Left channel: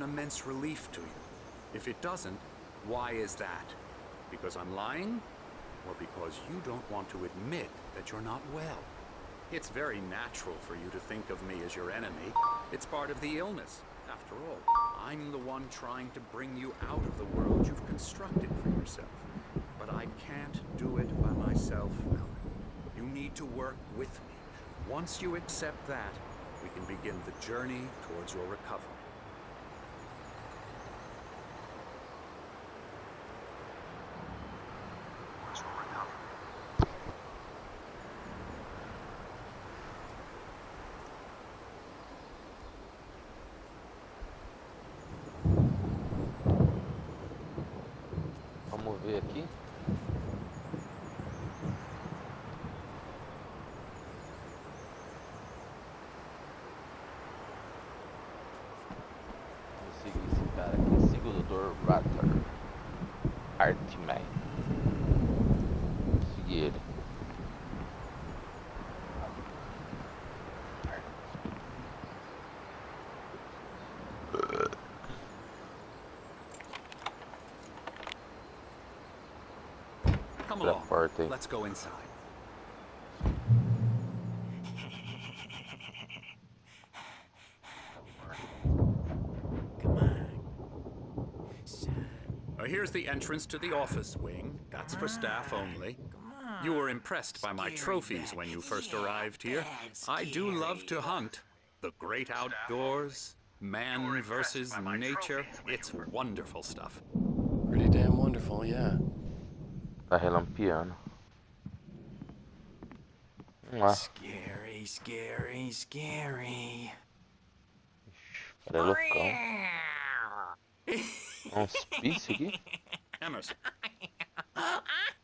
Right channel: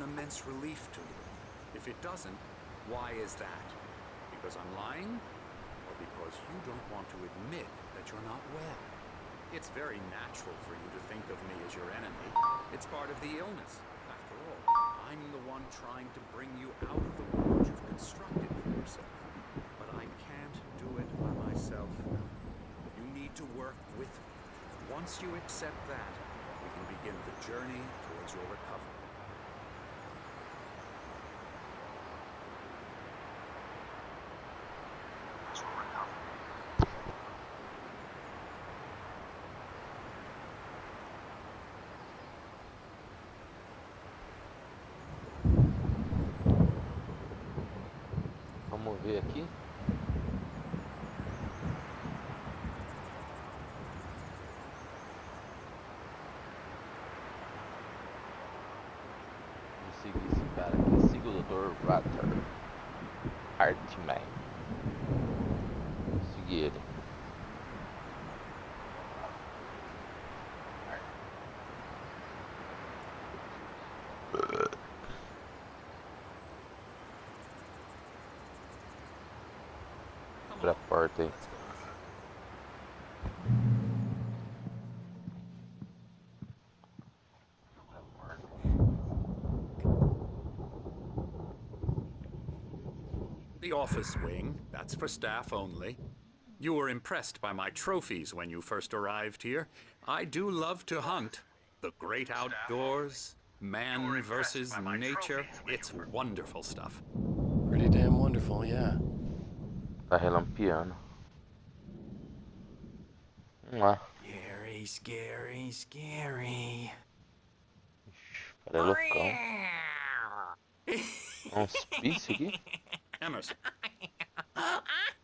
an immense relief to you. If it doesn't, why is that? Because I'm lying? Or because you don't want to admit that you're not well? It's very natural for you to think of me as your enemy. It's part of the illness. After all, I'm the one trying to bring you out of the world you've constructed for yourself. But I can't do it by myself, Alan. You need to work with me. Once you accept that, we can begin the journey towards your recovery. Vamos ver aqui. Vamos seguir esse cara aqui. Siga o Dr. Ratter. Artman. Seguir ele. Come Pra along. porta aí. Let's go inside. Come on. Here's the entrance to the office wing. That's for staff only. You were impressed by my trophies when you first arrived here. I do love to hunt. The great outdoors, man versus nature. It's wonderful stuff. Pretty damn wonderful, yeah. Tá relampeando. Vamos lá. Scary, scary, scary. Cara, é loucão. Um hospício aqui? Emerson.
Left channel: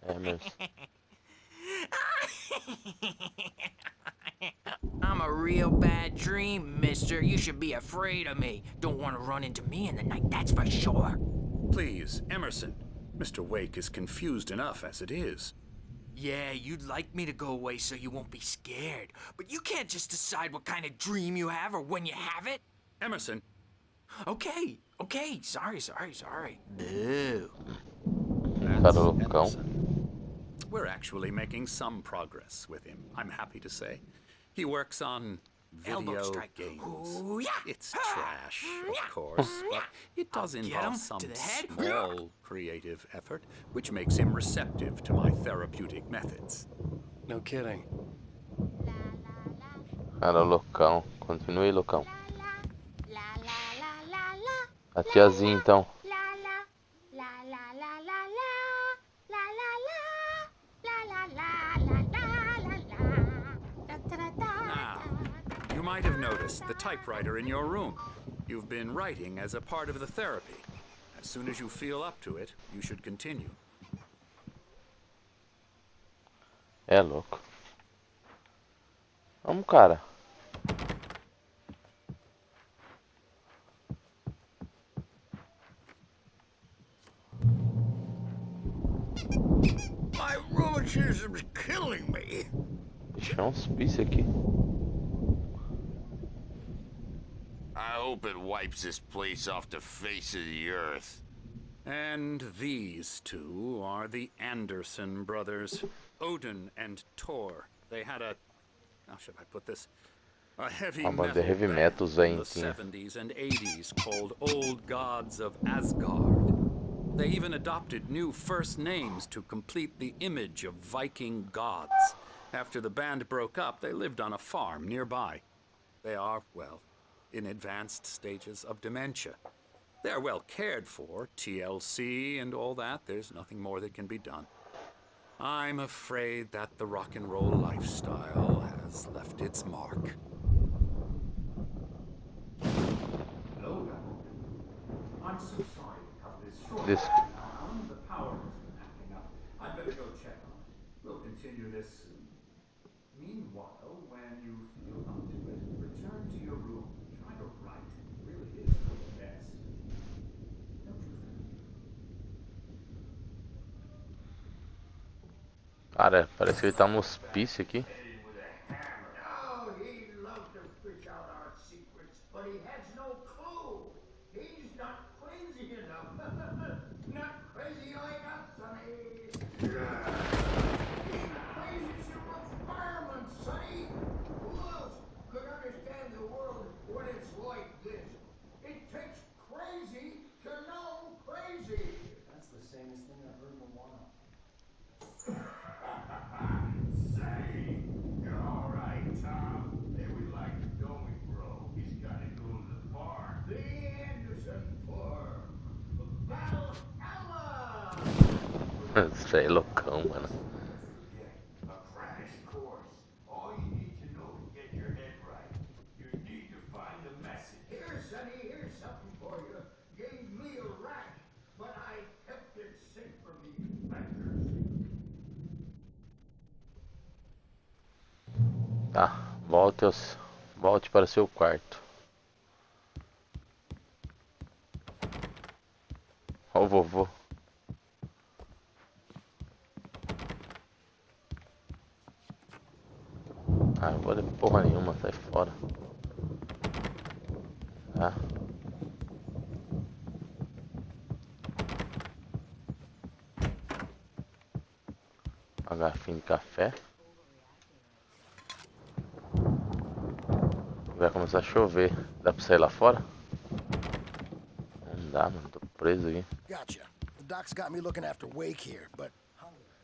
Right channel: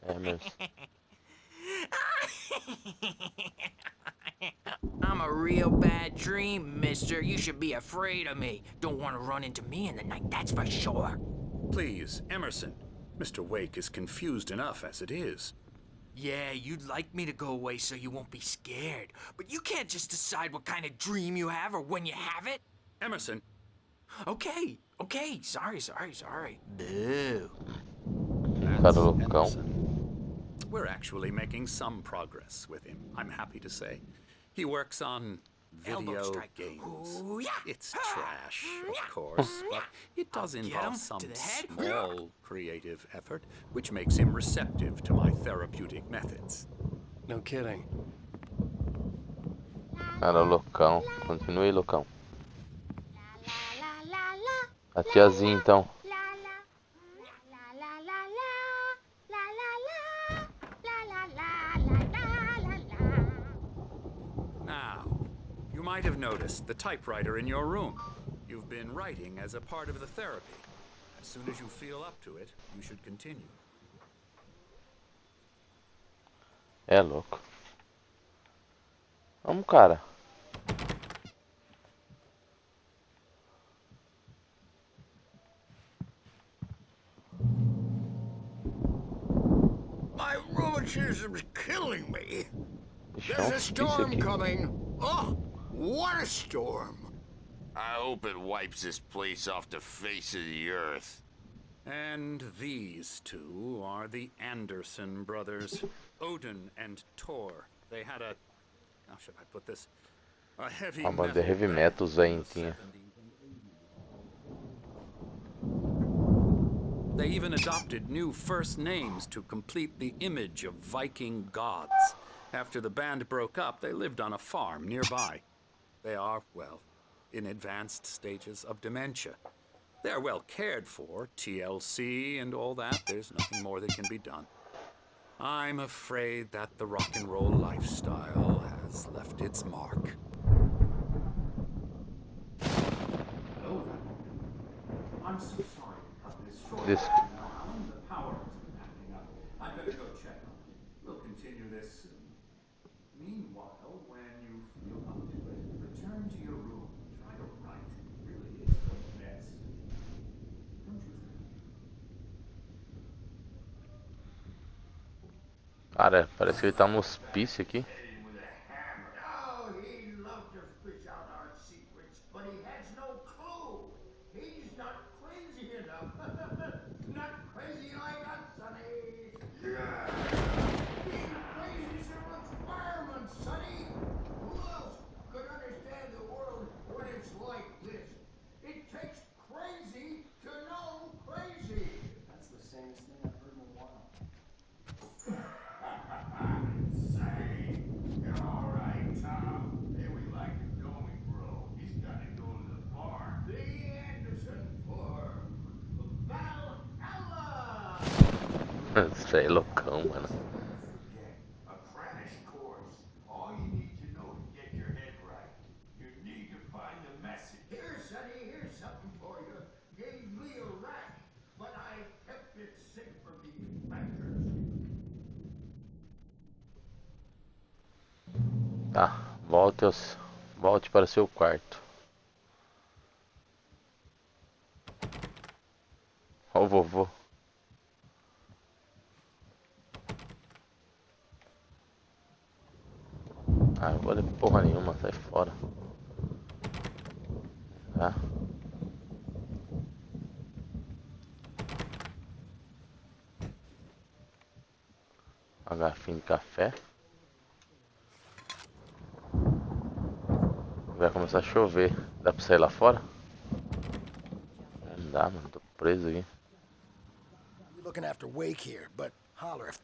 Emerson. I'm a real bad dream, mister. You should be afraid of me. Don't want to run into me in the night, that's for sure. Please, Emerson. Mr. Wake is confused enough as it is. Yeah, you'd like me to go away so you won't be scared. But you can't just decide what kind of dream you have or when you have it. Emerson. Okay, sorry. Boo. That's Cara loucão. Emerson. We're actually making some progress with him, I'm happy to say. He works on Elbow video strike. games. Ooh, yeah. It's trash, of course, but it does I'll get involve him some to the head. small creative effort, which makes him receptive to my therapeutic methods. No kidding. Cara loucão. Continue loucão. A tiazinha então. Now, you might have noticed the typewriter in your room. You've been writing as a part of the therapy. As soon as you feel up to it, you should continue. É louco. Vamos, cara. My rheumatism's killing me. Deixa um There's a hospício storm aqui. coming. Oh, what a storm. I hope it wipes this place off the face of the earth. And these two are the Anderson brothers, Odin and Thor. They had a, how should I put this? A heavy Uma banda de metal heavy band metal in the zentinha. 70s and 80s called Old Gods of Asgard. They even adopted new first names to complete the image of Viking gods. After the band broke up, they lived on a farm nearby. They are, well, in advanced stages of dementia. They're well cared for, TLC and all that. There's nothing more that can be done. I'm afraid that the rock and roll lifestyle has left its mark. I'm so sorry. This... I'm gonna go check. We'll continue this soon. Meanwhile, when you feel up to it, return to your room. Try to write. It really is for the best. Don't you think? Cara, parece que ele tá no hospício aqui. Oh, he loved to fish out our secrets, but he has no clue. He's Isso aí é loucão, mano. Here, Sonny, here's something for you. Gave me a rat, but I kept it safe from the infectors. Tá, volte para seu quarto. Ó o vovô. Ah, eu vou ler porra nenhuma, sai fora. Tá. Uma garrafinha de café. Vai começar a chover. Dá pra sair lá fora? Não dá, mano. Tô preso aqui. Gotcha. The doc's got me looking after Wake here, but holler if...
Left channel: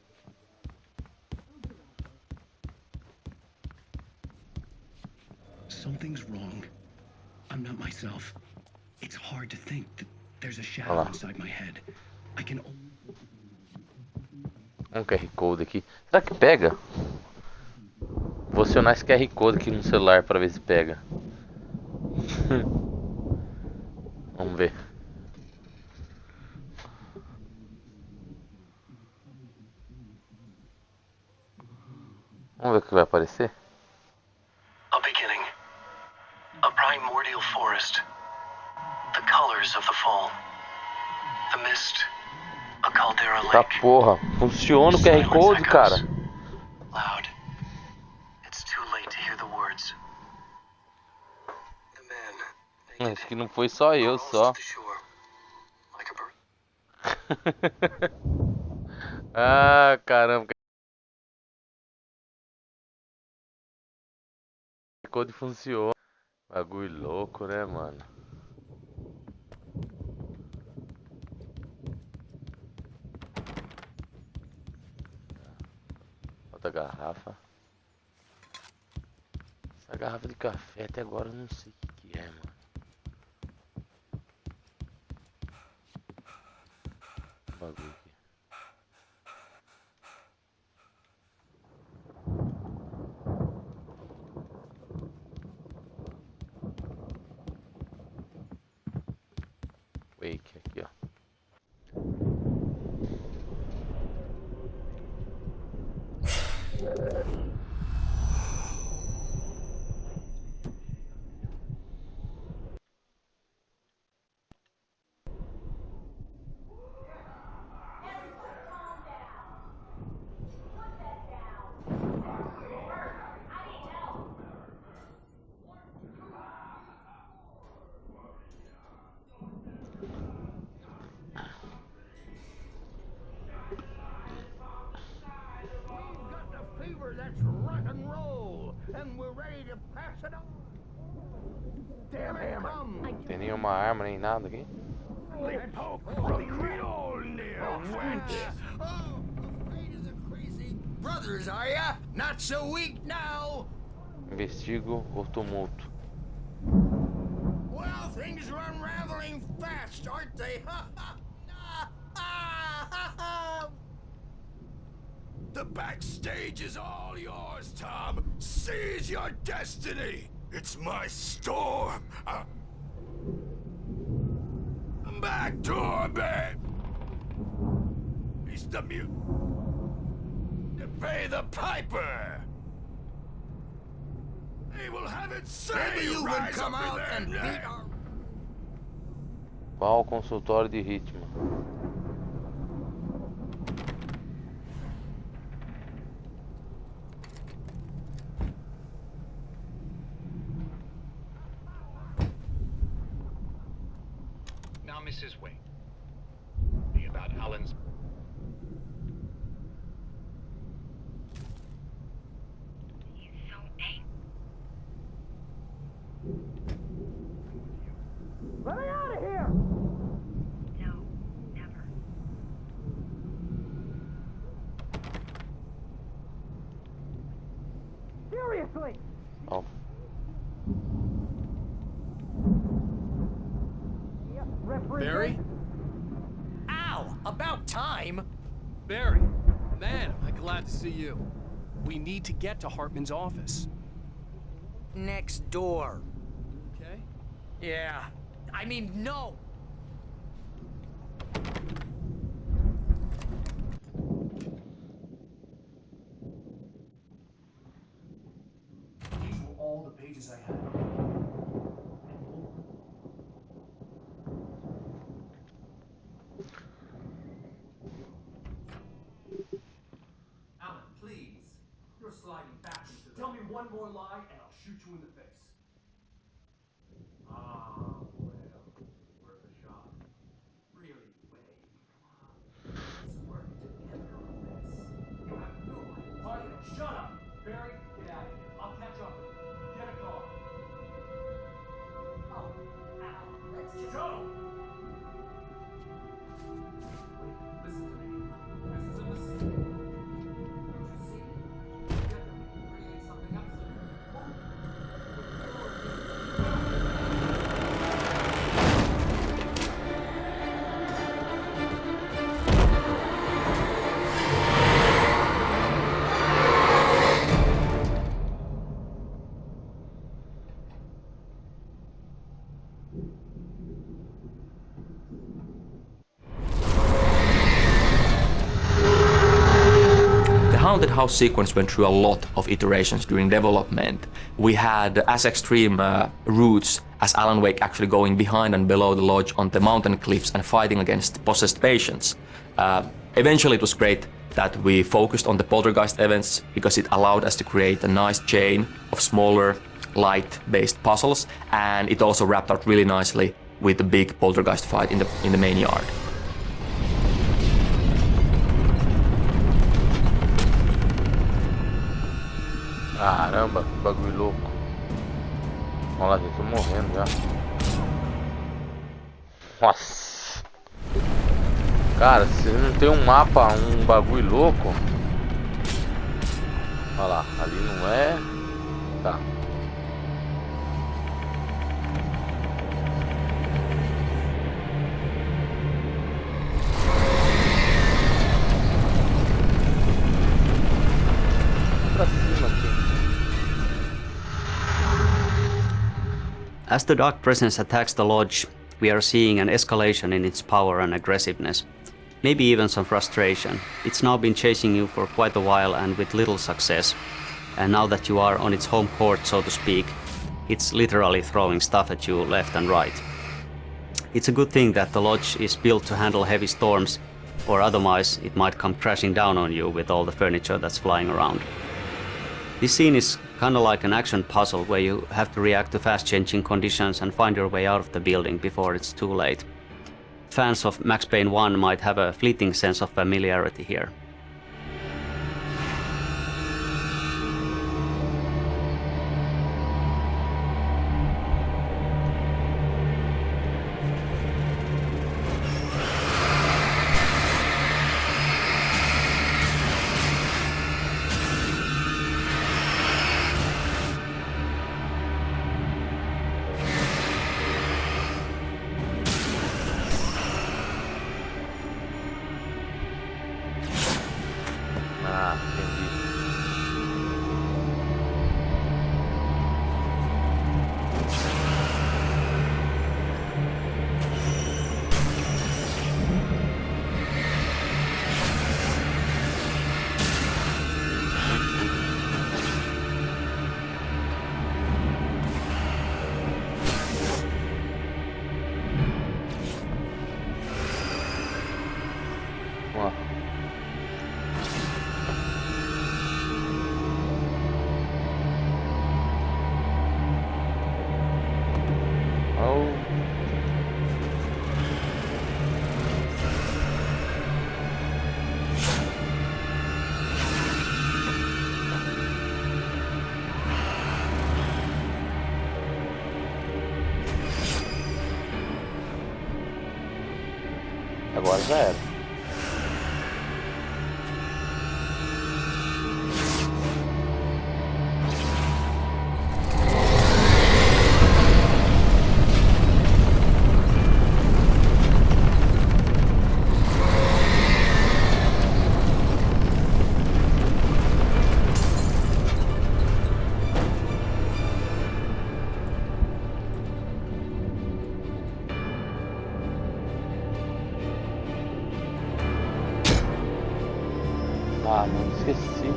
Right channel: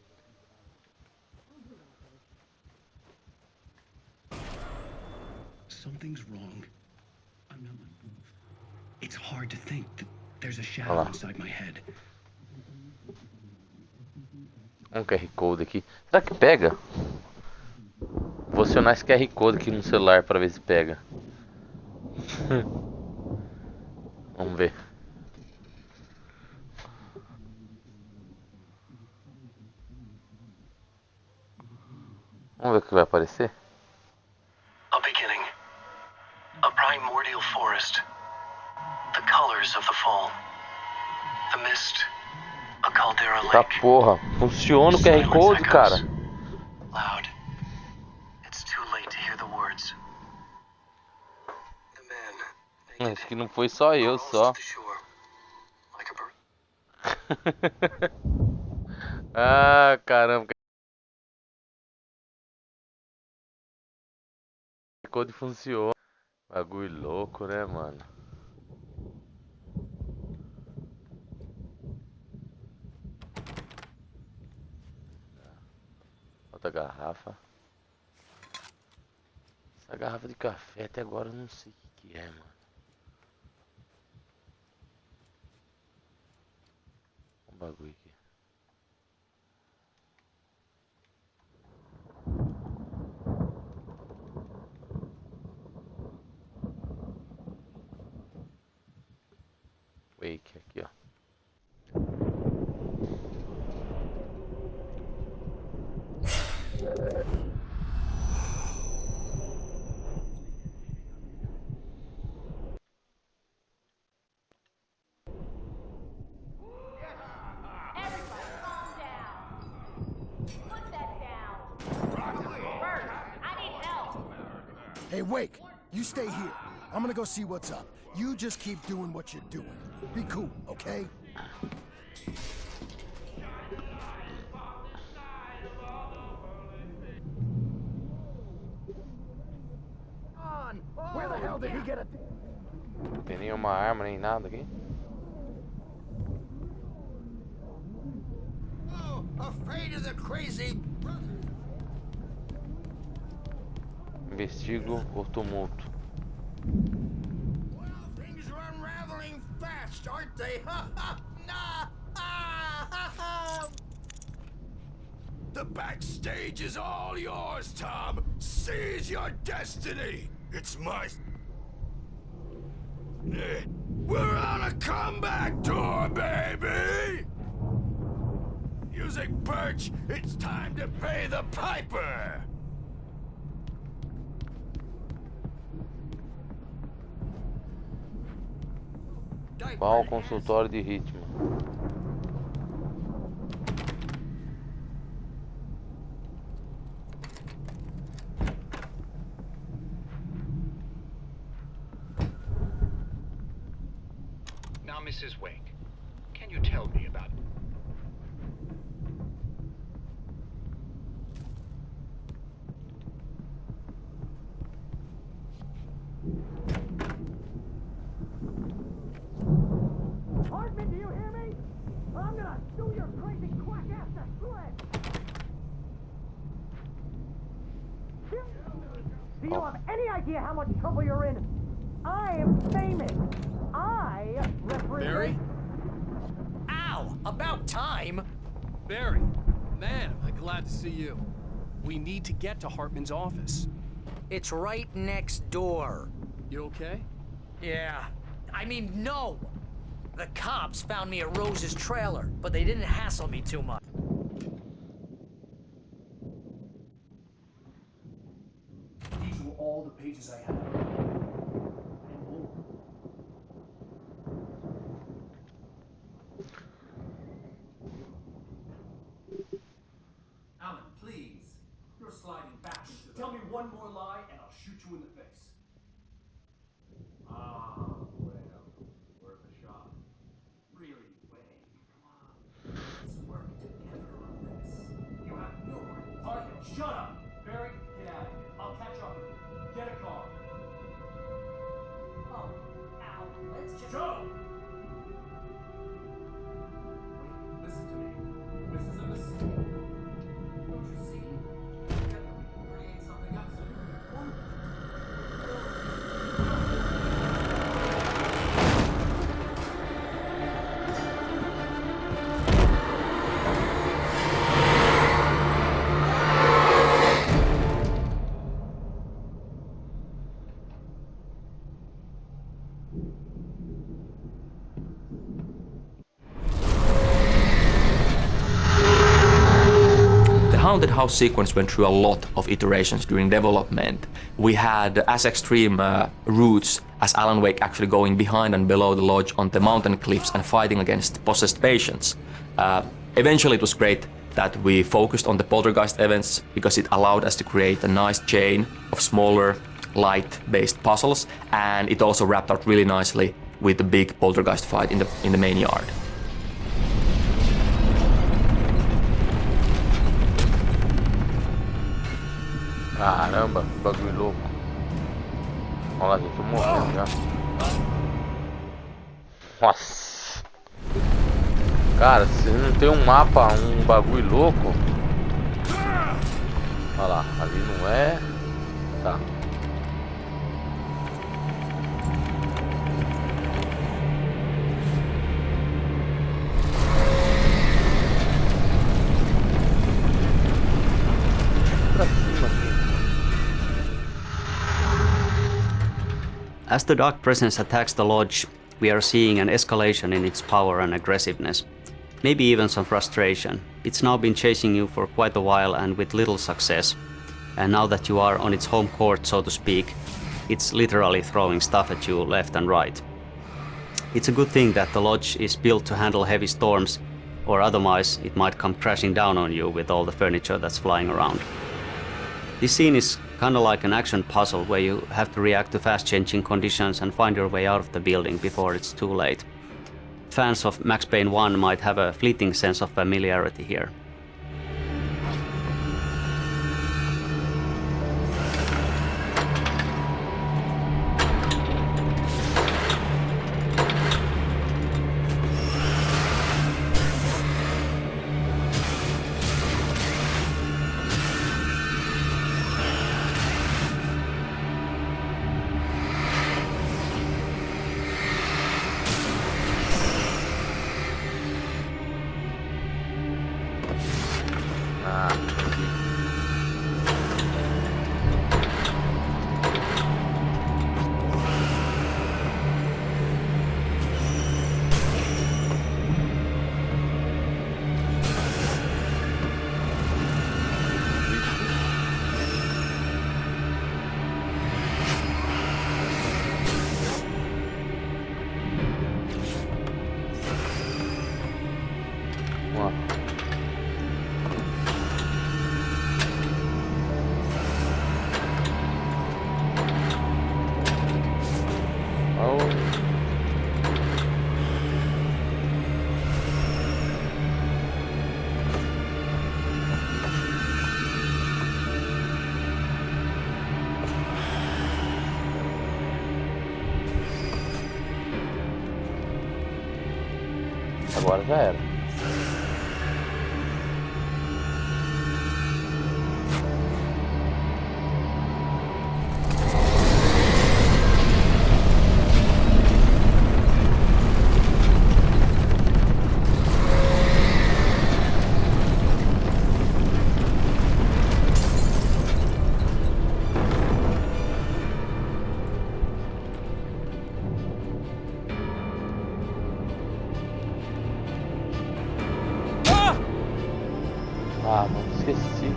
Something's wrong. I'm not myself. It's hard to think that there's a shadow inside my head. I can only... Um QR Code aqui. Será que pega? Vou acionar esse QR Code aqui no celular para ver se pega. Vamos ver. Vamos ver o que vai aparecer. A beginning. A primordial forest. The colors of the fall. The mist. A caldera Tá lake. porra. Funciona o QR Code, cara. Loud. It's too late to hear the words. The man. Acho que não foi só eu, só. Ah, caramba. O code funciona. Bagulho louco, né, mano? Outra garrafa. Essa garrafa de café até agora eu não sei o que é, mano. Bagulho aqui. Wake aqui, ó. Hey, Wake, you stay here. I'm gonna go see what's up. You just keep doing what you're doing. Be cool, okay? Where the hell did he get a damn hammer? Não tem nenhuma arma nem nada aqui. Oh, afraid of the crazy brothers, are ya? Not so weak now. Investigo o tumulto. Well, things are unraveling fast, aren't they? The backstage is all yours, Tom. Seize your destiny. It's my storm. We're on a comeback tour, baby. It's the music perch. It's time to pay the piper. They will have it say you can come out and beat our... Qual o consultório de ritmo? Now, Mrs. Wake, can you tell me about Alan's... Let me out of here! Hartman, do you hear me? I'm gonna sue your crazy quack ass to shreds! Seriously! Do you have any idea how much trouble you're in? I am famous! I represent... Barry? Ow! About time! Barry, man, am I glad to see you. We need to get to Hartman's office. It's right next door. You okay? Yeah. I mean, no! The cops found me at Rose's trailer, but they didn't hassle me too much. These were all the pages I had. Alan, please. You're sliding back into the... Tell me one more lie and I'll shoot you in the face. Ah, well, worth a shot. Really, Wade, come on. Let's work together on this. You have no idea. Parker, shut up! Barry, get out of here. I'll catch up with you. Get a car. Oh, Al, let's just... Go! Wait, listen to me. This is a mistake. Don't you see? Together we can create something absolutely wonderful. The Haunted House sequence went through a lot of iterations during development. We had as extreme routes as Alan Wake actually going behind and below the lodge on the mountain cliffs and fighting against possessed patients. Eventually it was great that we focused on the poltergeist events because it allowed us to create a nice chain of smaller, light-based puzzles, and it also wrapped out really nicely with the big poltergeist fight in the main yard. Caramba, que bagulho louco. Olha lá, gente, tô morrendo já. Nossa. Cara, se não tem um mapa, um bagulho louco. Olha lá, ali não é. Tá. Pra cima aqui. As the dark presence attacks the lodge, we are seeing an escalation in its power and aggressiveness. Maybe even some frustration. It's now been chasing you for quite a while and with little success. And now that you are on its home court, so to speak, it's literally throwing stuff at you left and right. It's a good thing that the lodge is built to handle heavy storms, or otherwise it might come crashing down on you with all the furniture that's flying around. This scene is kinda like an action puzzle where you have to react to fast-changing conditions and find your way out of the building before it's too late. Fans of Max Payne 1 might have a fleeting sense of familiarity here. Ah, entendi. Ó. Oh. Agora já era. Ah, mano, esqueci.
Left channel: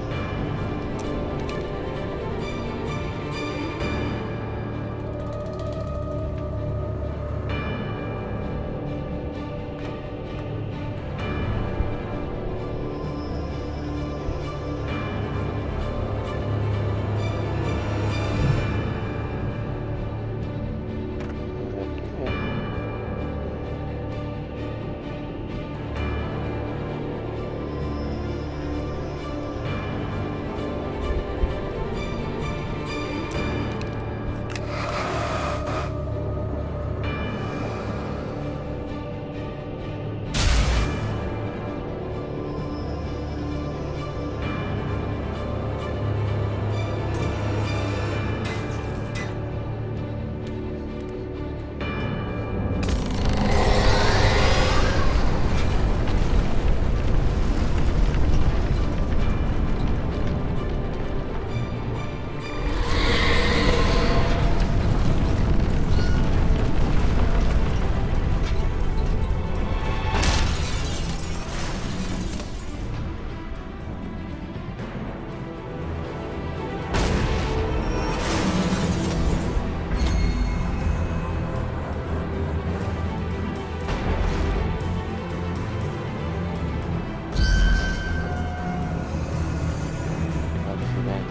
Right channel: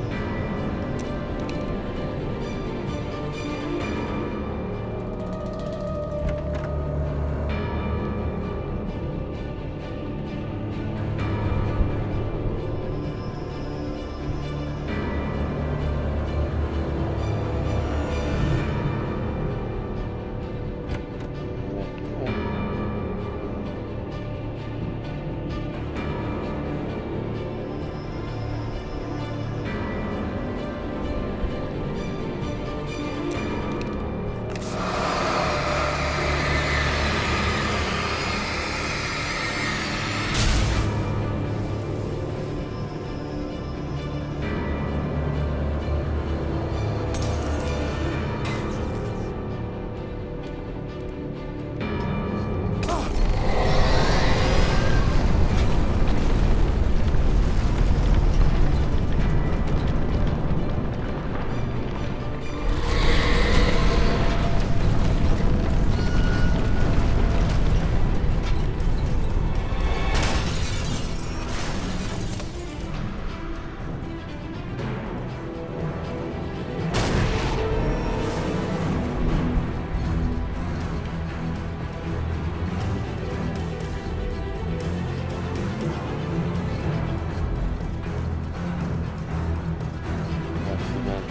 É aqui mesmo.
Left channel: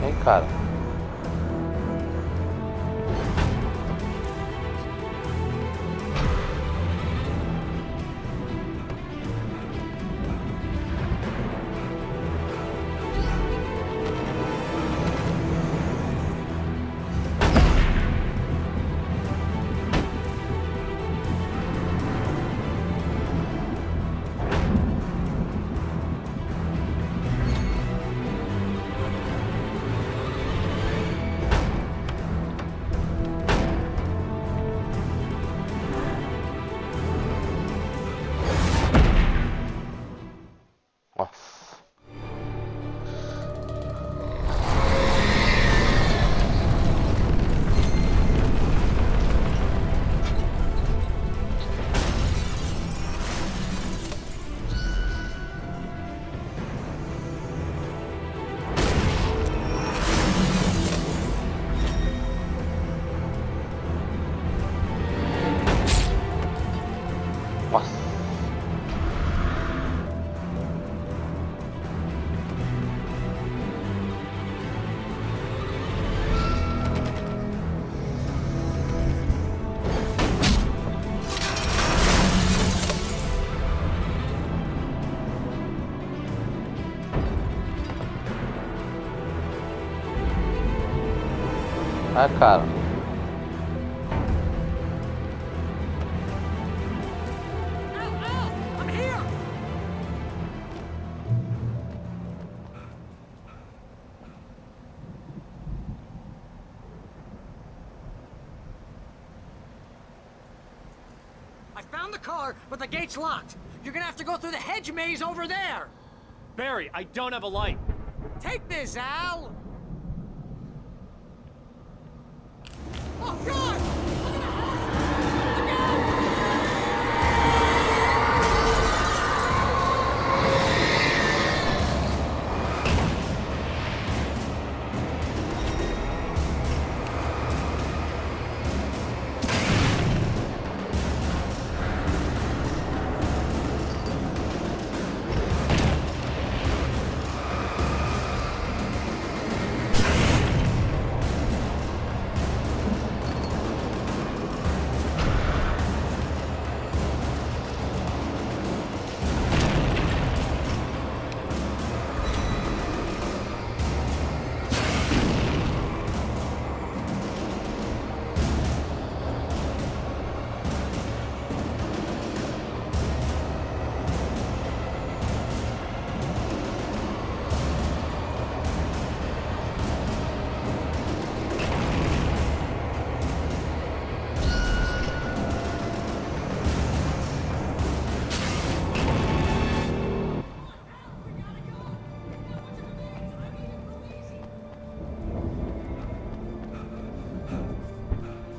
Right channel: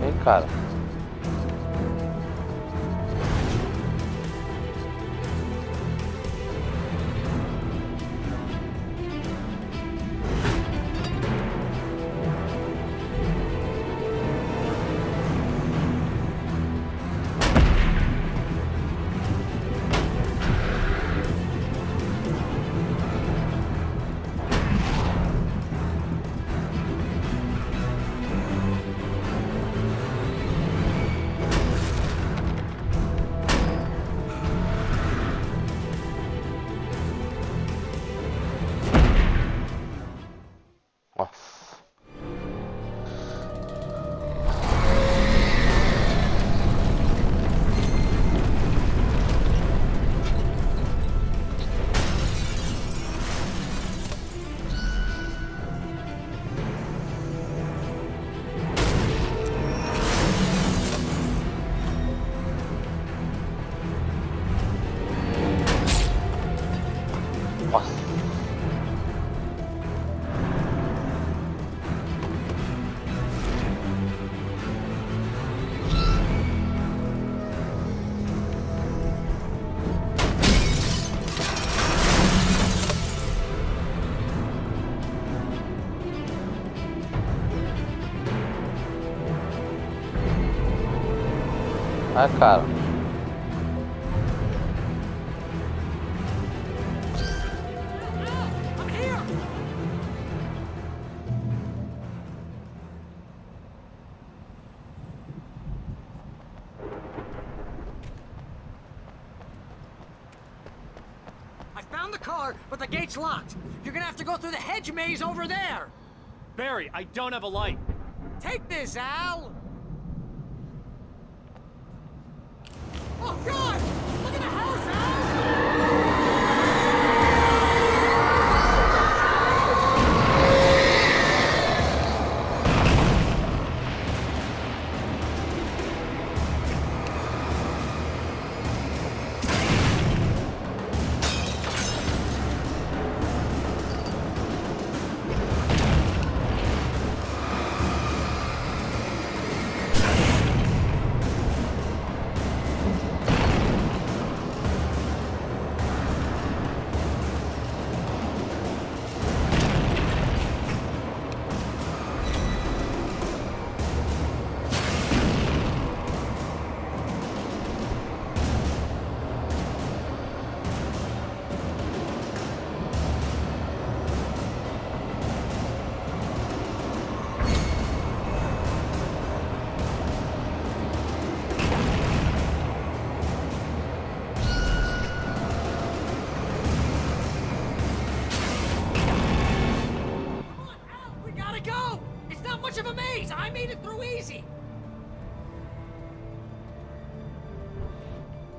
Vem, cara. Nossa. Nossa. Ah, cara. I'm here! I found the car, but the gate's locked. You're gonna have to go through the hedge maze over there. Barry, I don't have a light. Take this, Al! Oh, God! Look at the house, Al!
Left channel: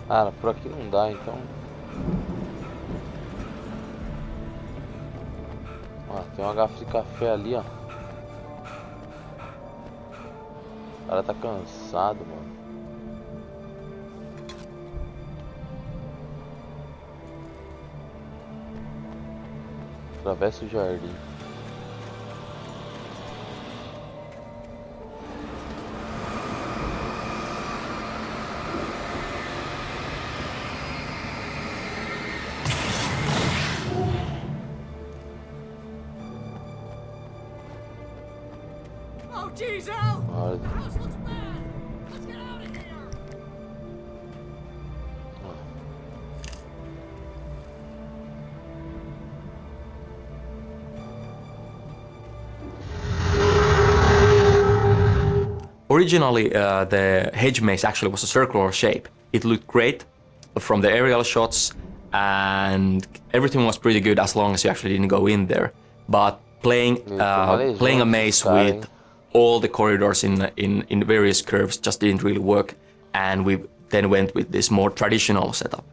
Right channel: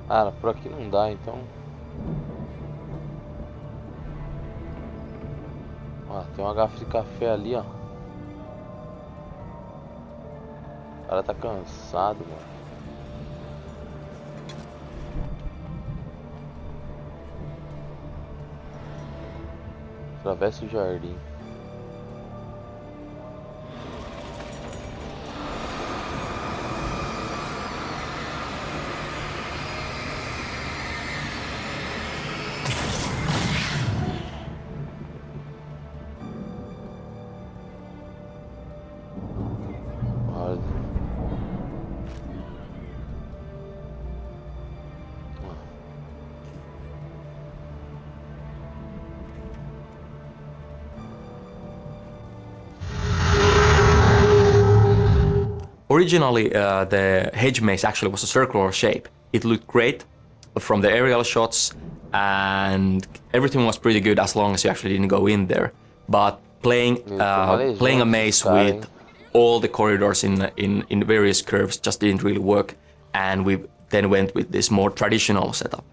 Cara, por aqui não dá, então. Ó, tem uma garrafa de café ali, ó. O cara tá cansado, mano. Atravessa o jardim. Oh, geez, Al! Olha. The house looks bad! Let's get out of here! Ó. Originally, the hedge maze actually was a circular shape. It looked great from the aerial shots, and everything was pretty good as long as you actually didn't go in there. But playing a maze with all the corridors in various curves just didn't really work, and we then went with this more traditional setup.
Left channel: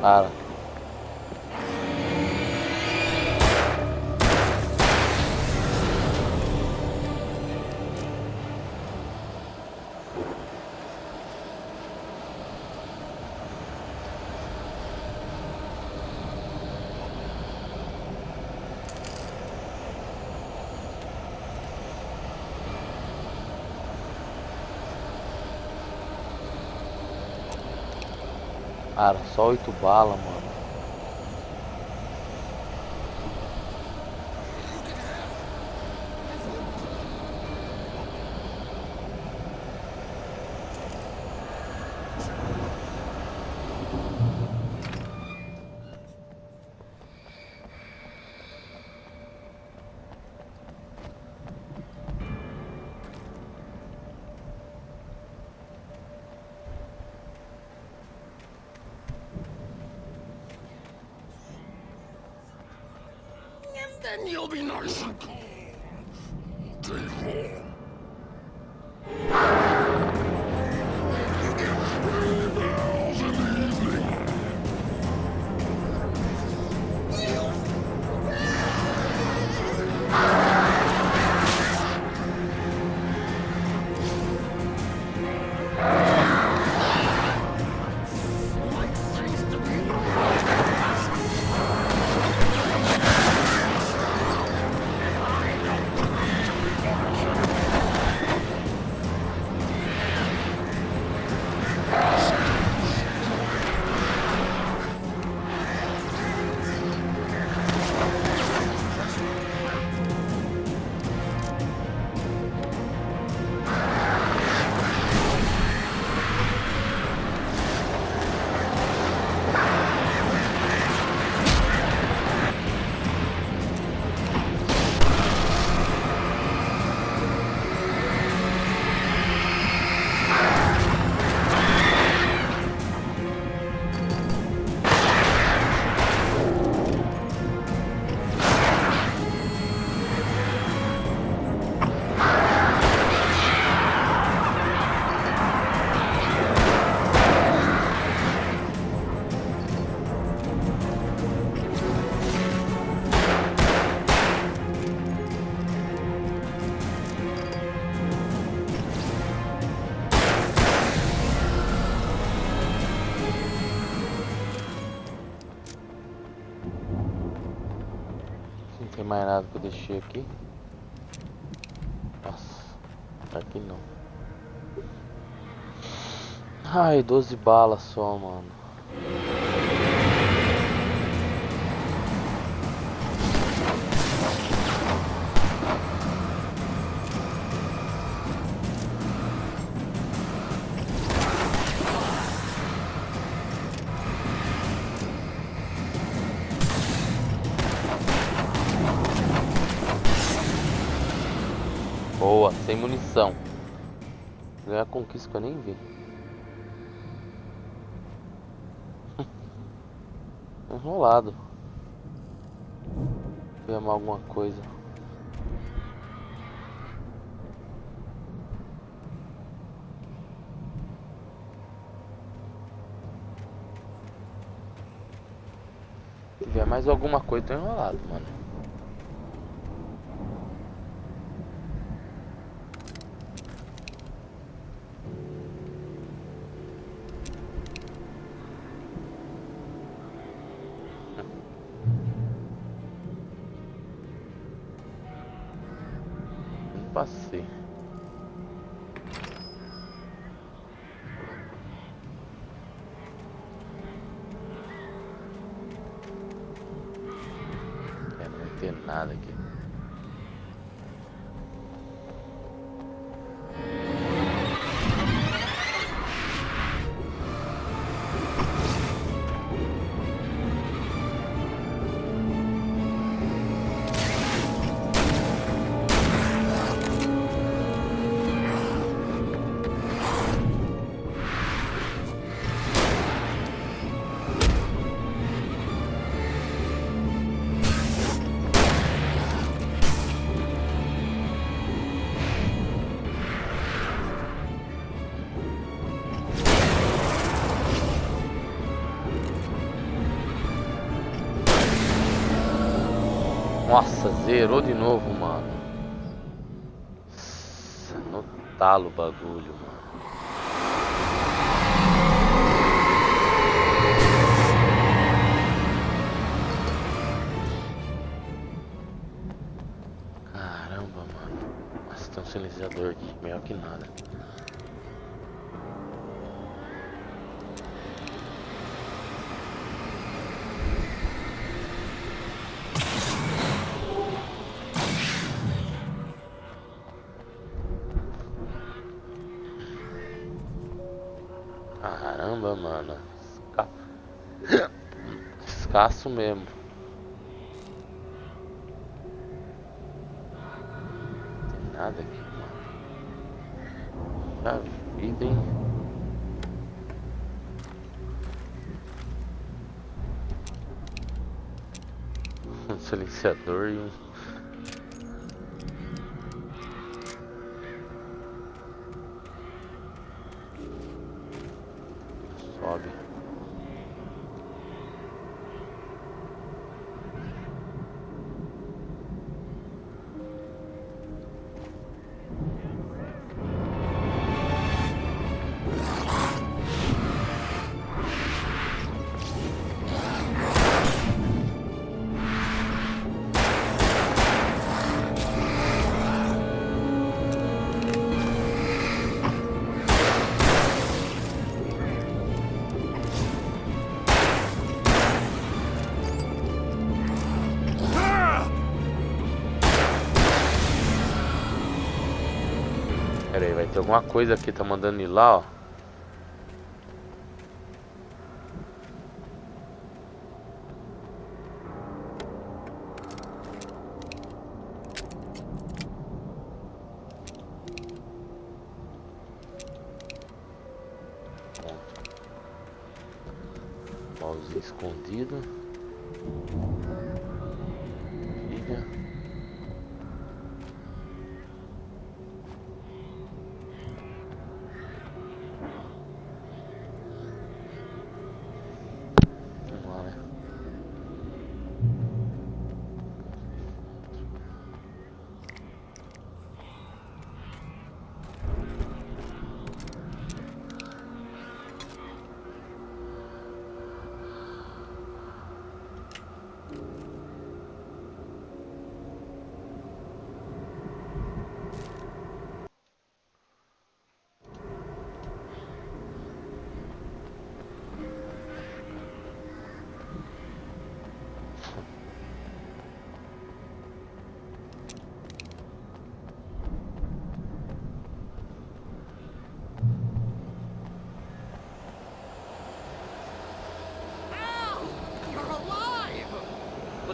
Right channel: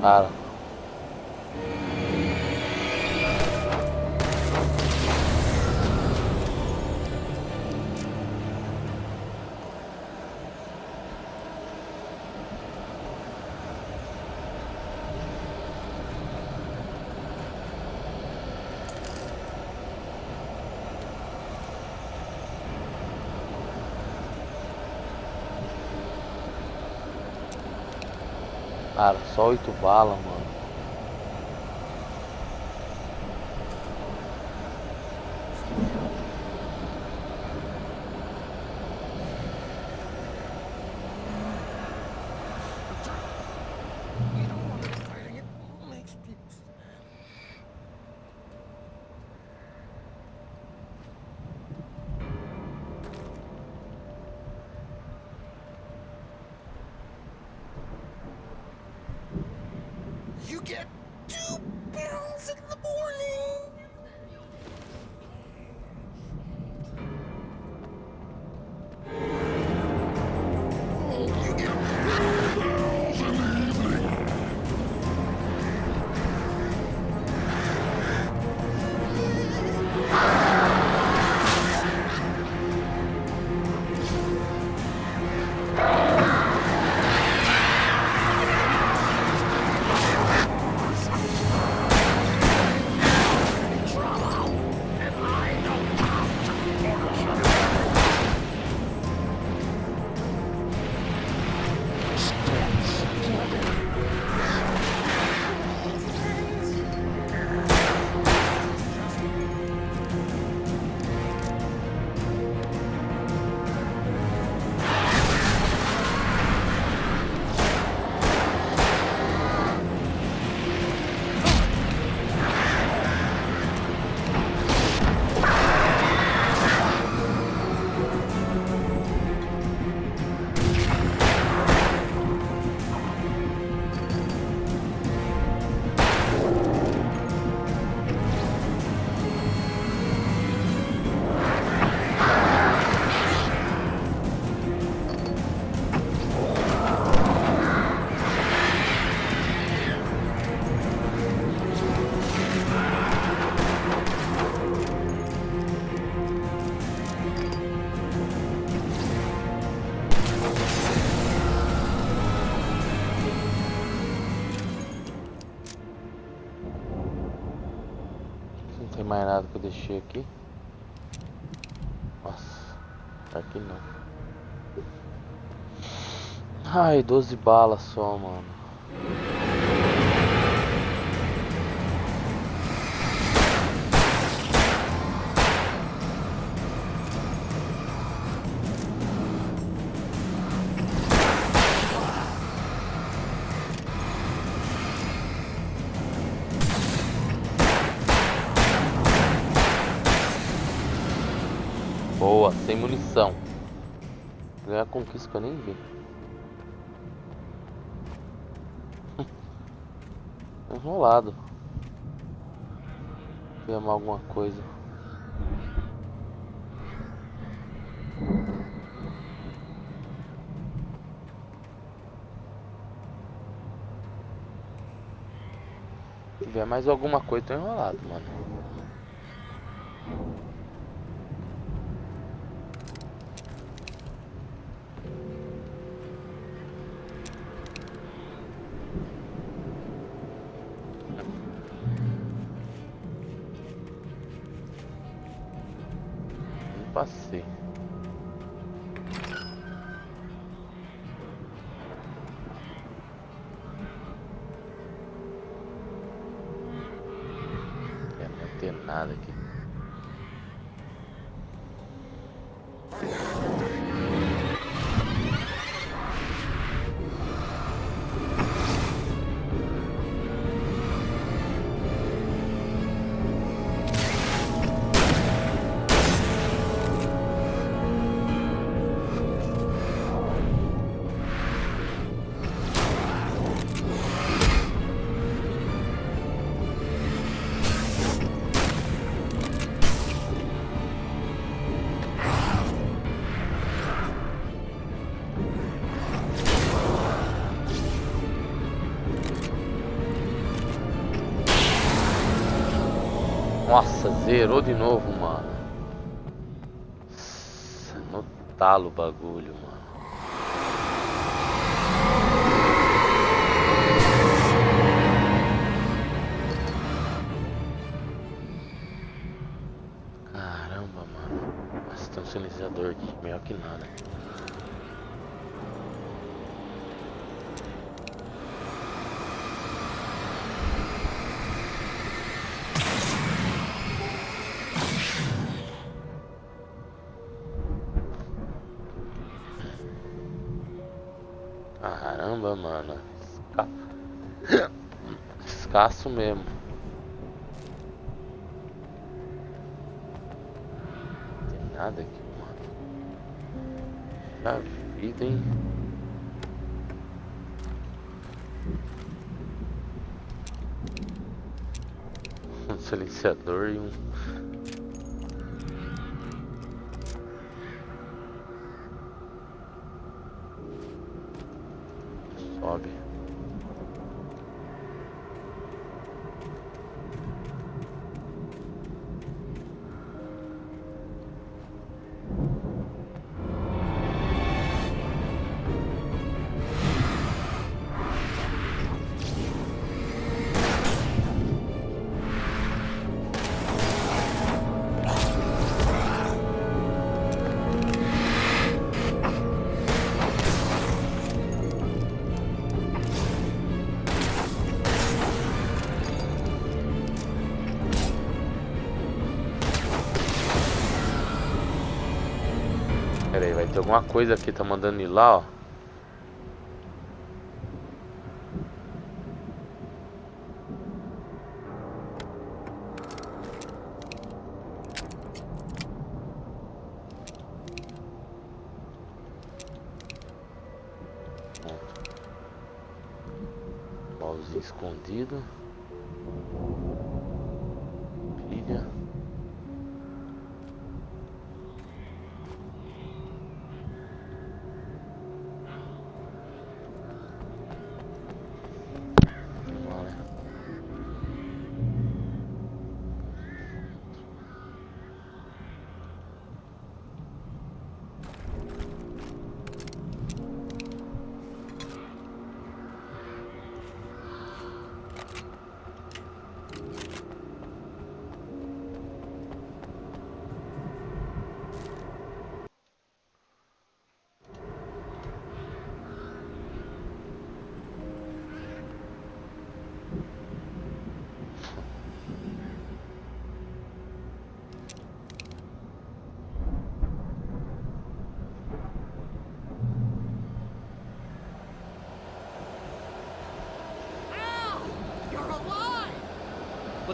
Para. Cara, só 8 balas, mano. You get 2 pills in the morning, and then you'll be nice and calm. Take home. You get 3 pills in the evening. And I don't have to punish tem mais nada que eu deixei aqui. Nossa, aqui não. Ai, 12 balas só, mano. Boa, sem munição. Ganhar conquista que eu nem vi. Enrolado. Vou amar alguma coisa. Se tiver mais alguma coisa, tô enrolado, mano. Não passei. Não vai ter nada aqui. Nossa, zerou de novo, mano. No talo o bagulho, mano. Caramba, mano. Nossa, tem um silenciador aqui, melhor que nada. Caramba, mano. Escasso mesmo. Não tem nada aqui, mano. Já vida, hein? Um silenciador e um... Sobe. Pera aí, vai ter alguma coisa aqui, tá mandando ir lá, ó. Pronto. Baúzinho escondido. Pilha.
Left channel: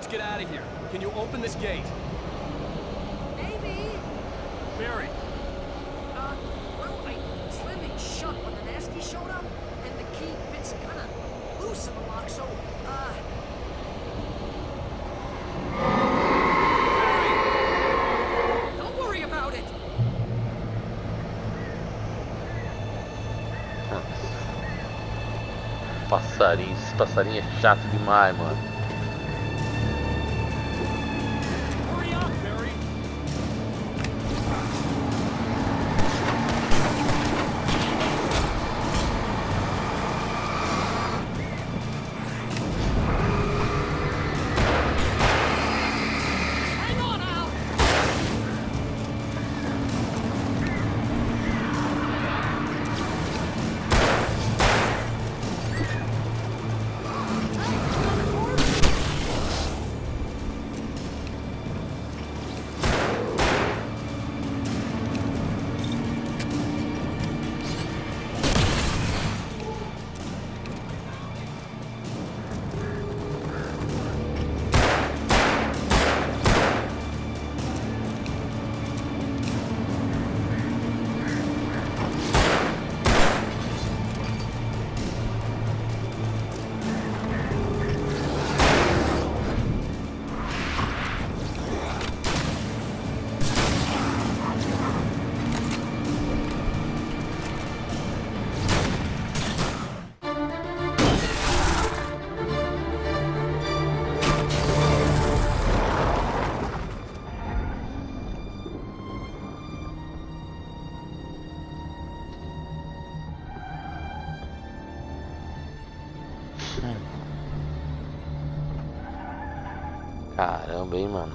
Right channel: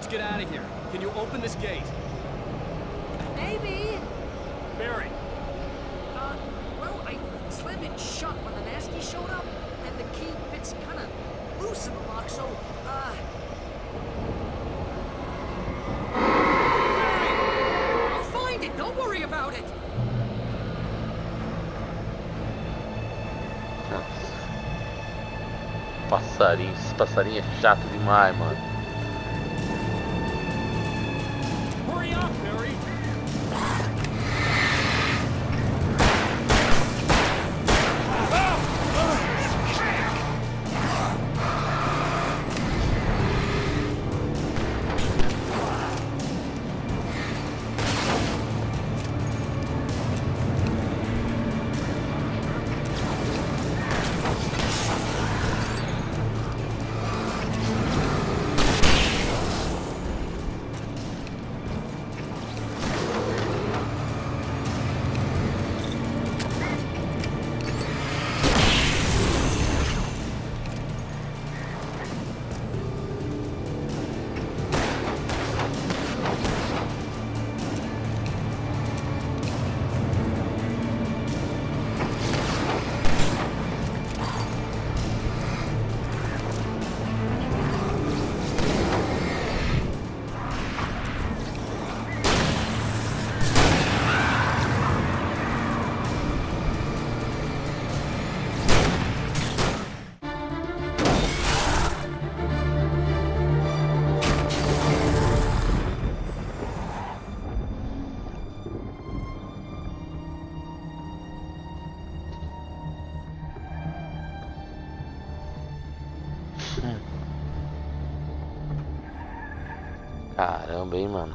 Let's get out of here. Can you open this gate? Maybe. Barry, Well, I slammed it shut when the nasty showed up, and the key fits kind of loose in the lock, so, I'll find it. Don't worry about it. Nossa. Passarinho, esse passarinho é chato demais, mano. hurry up, Barry. Hang on, Al. Caramba, hein, mano.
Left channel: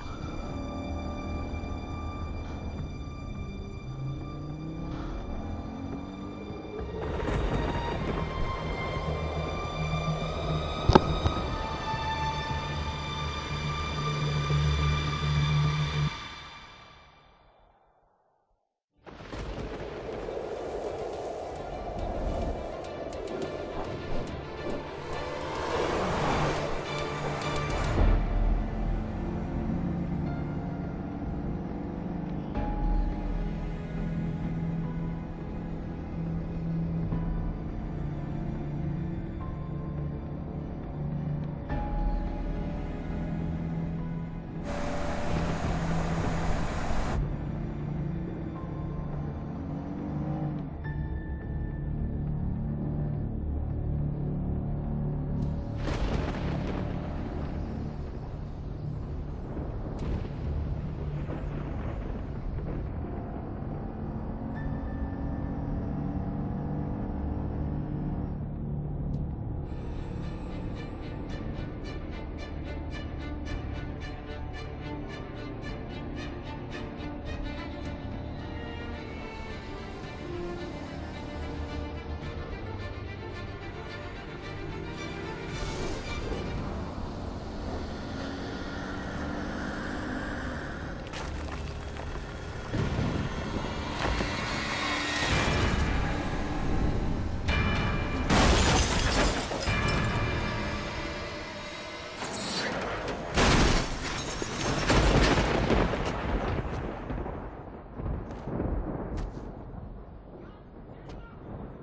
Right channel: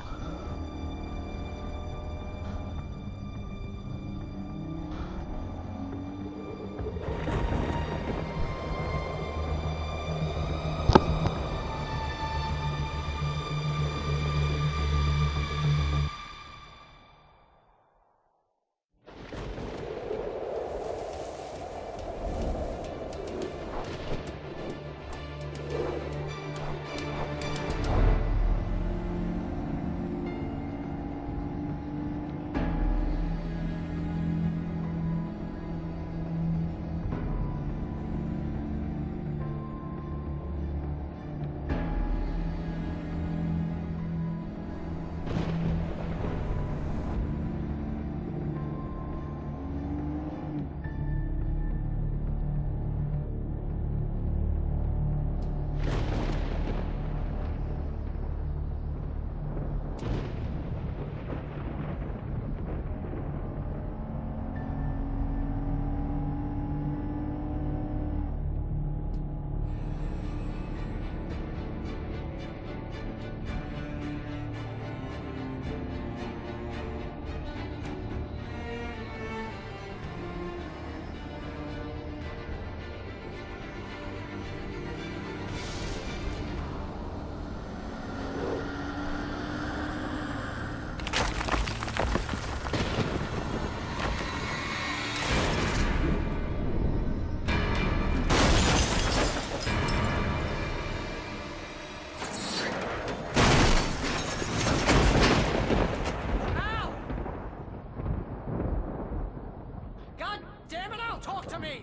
God damn it, Al, talk to me.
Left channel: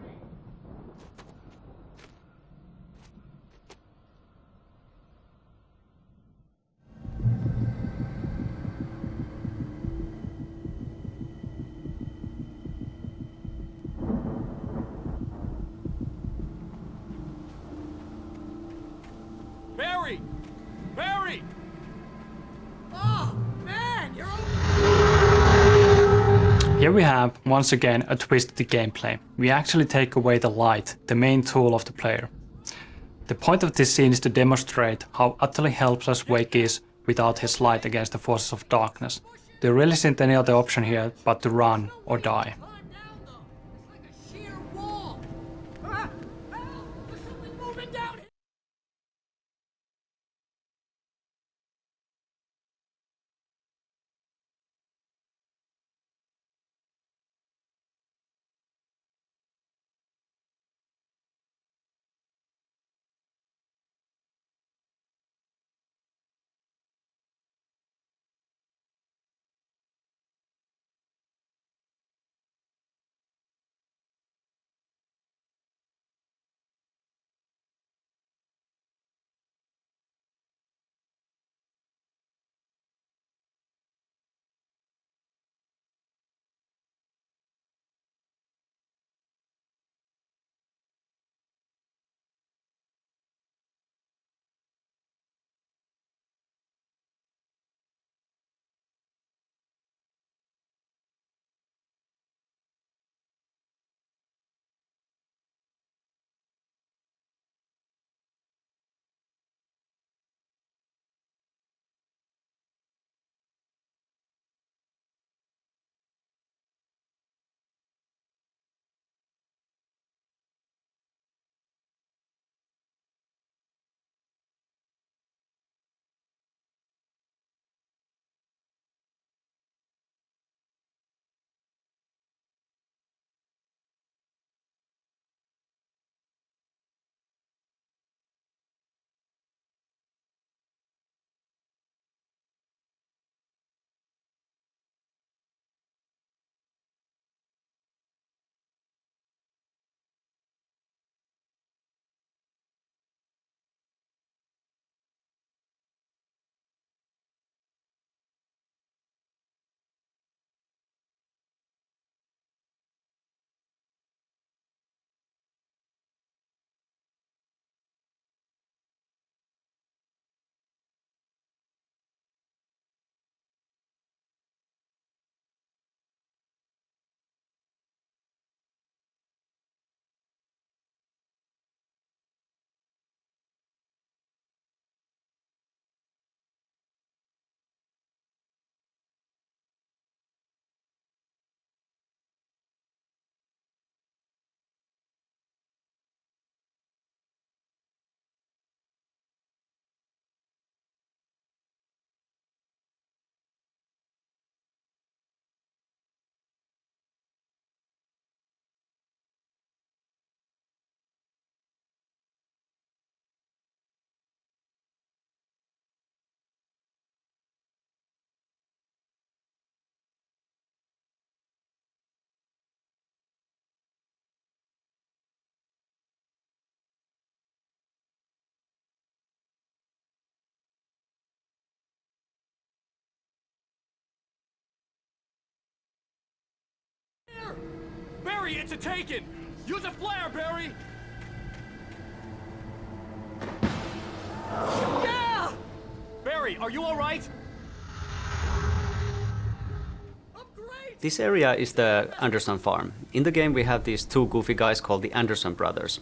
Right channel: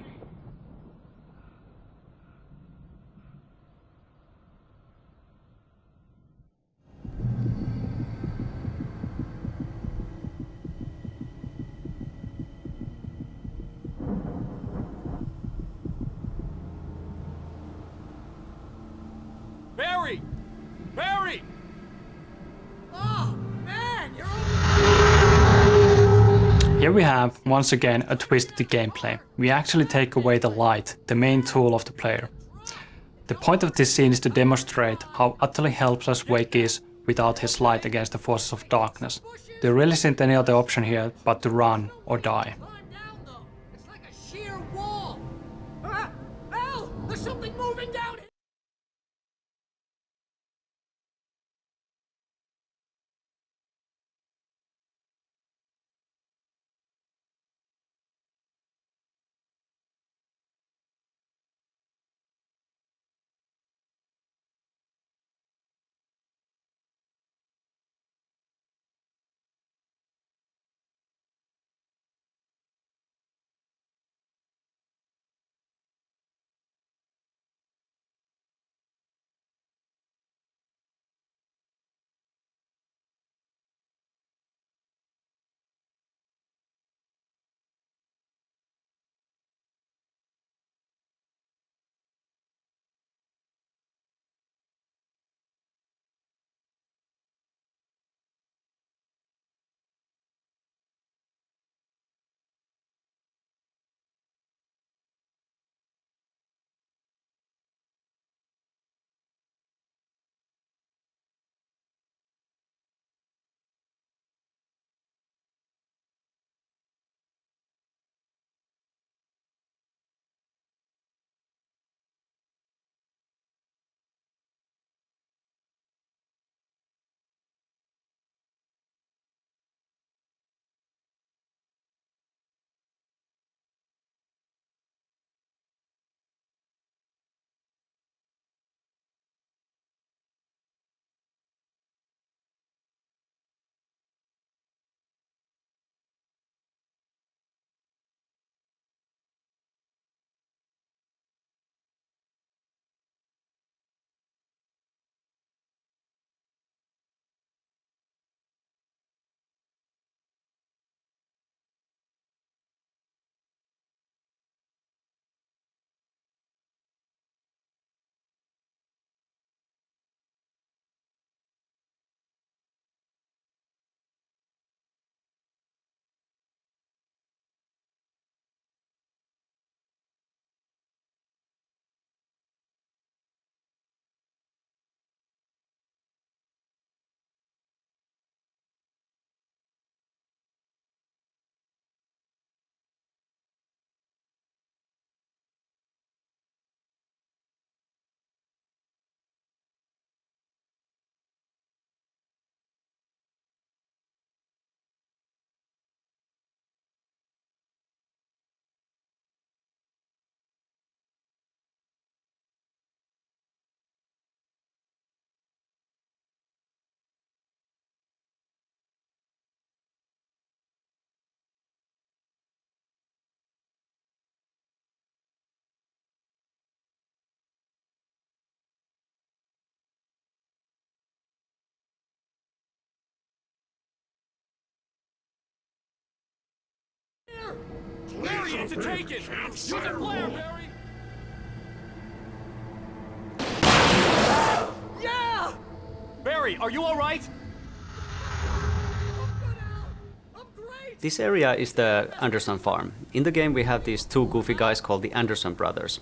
Barry! Barry! Oh, man, you're okay. Here we have, once again, a twist to the gameplay. We actually take away the light, the main tool of the player. The point of this scene is to demonstrate how utterly helpless Wake is without his light against the forces of darkness. There really isn't any other option here but to run or die. to take it! Use a flare, Barry! Yeah! Barry, are you alright? This area is the Anderson farm. In the game we have these two goofy guys called the Anderson brothers.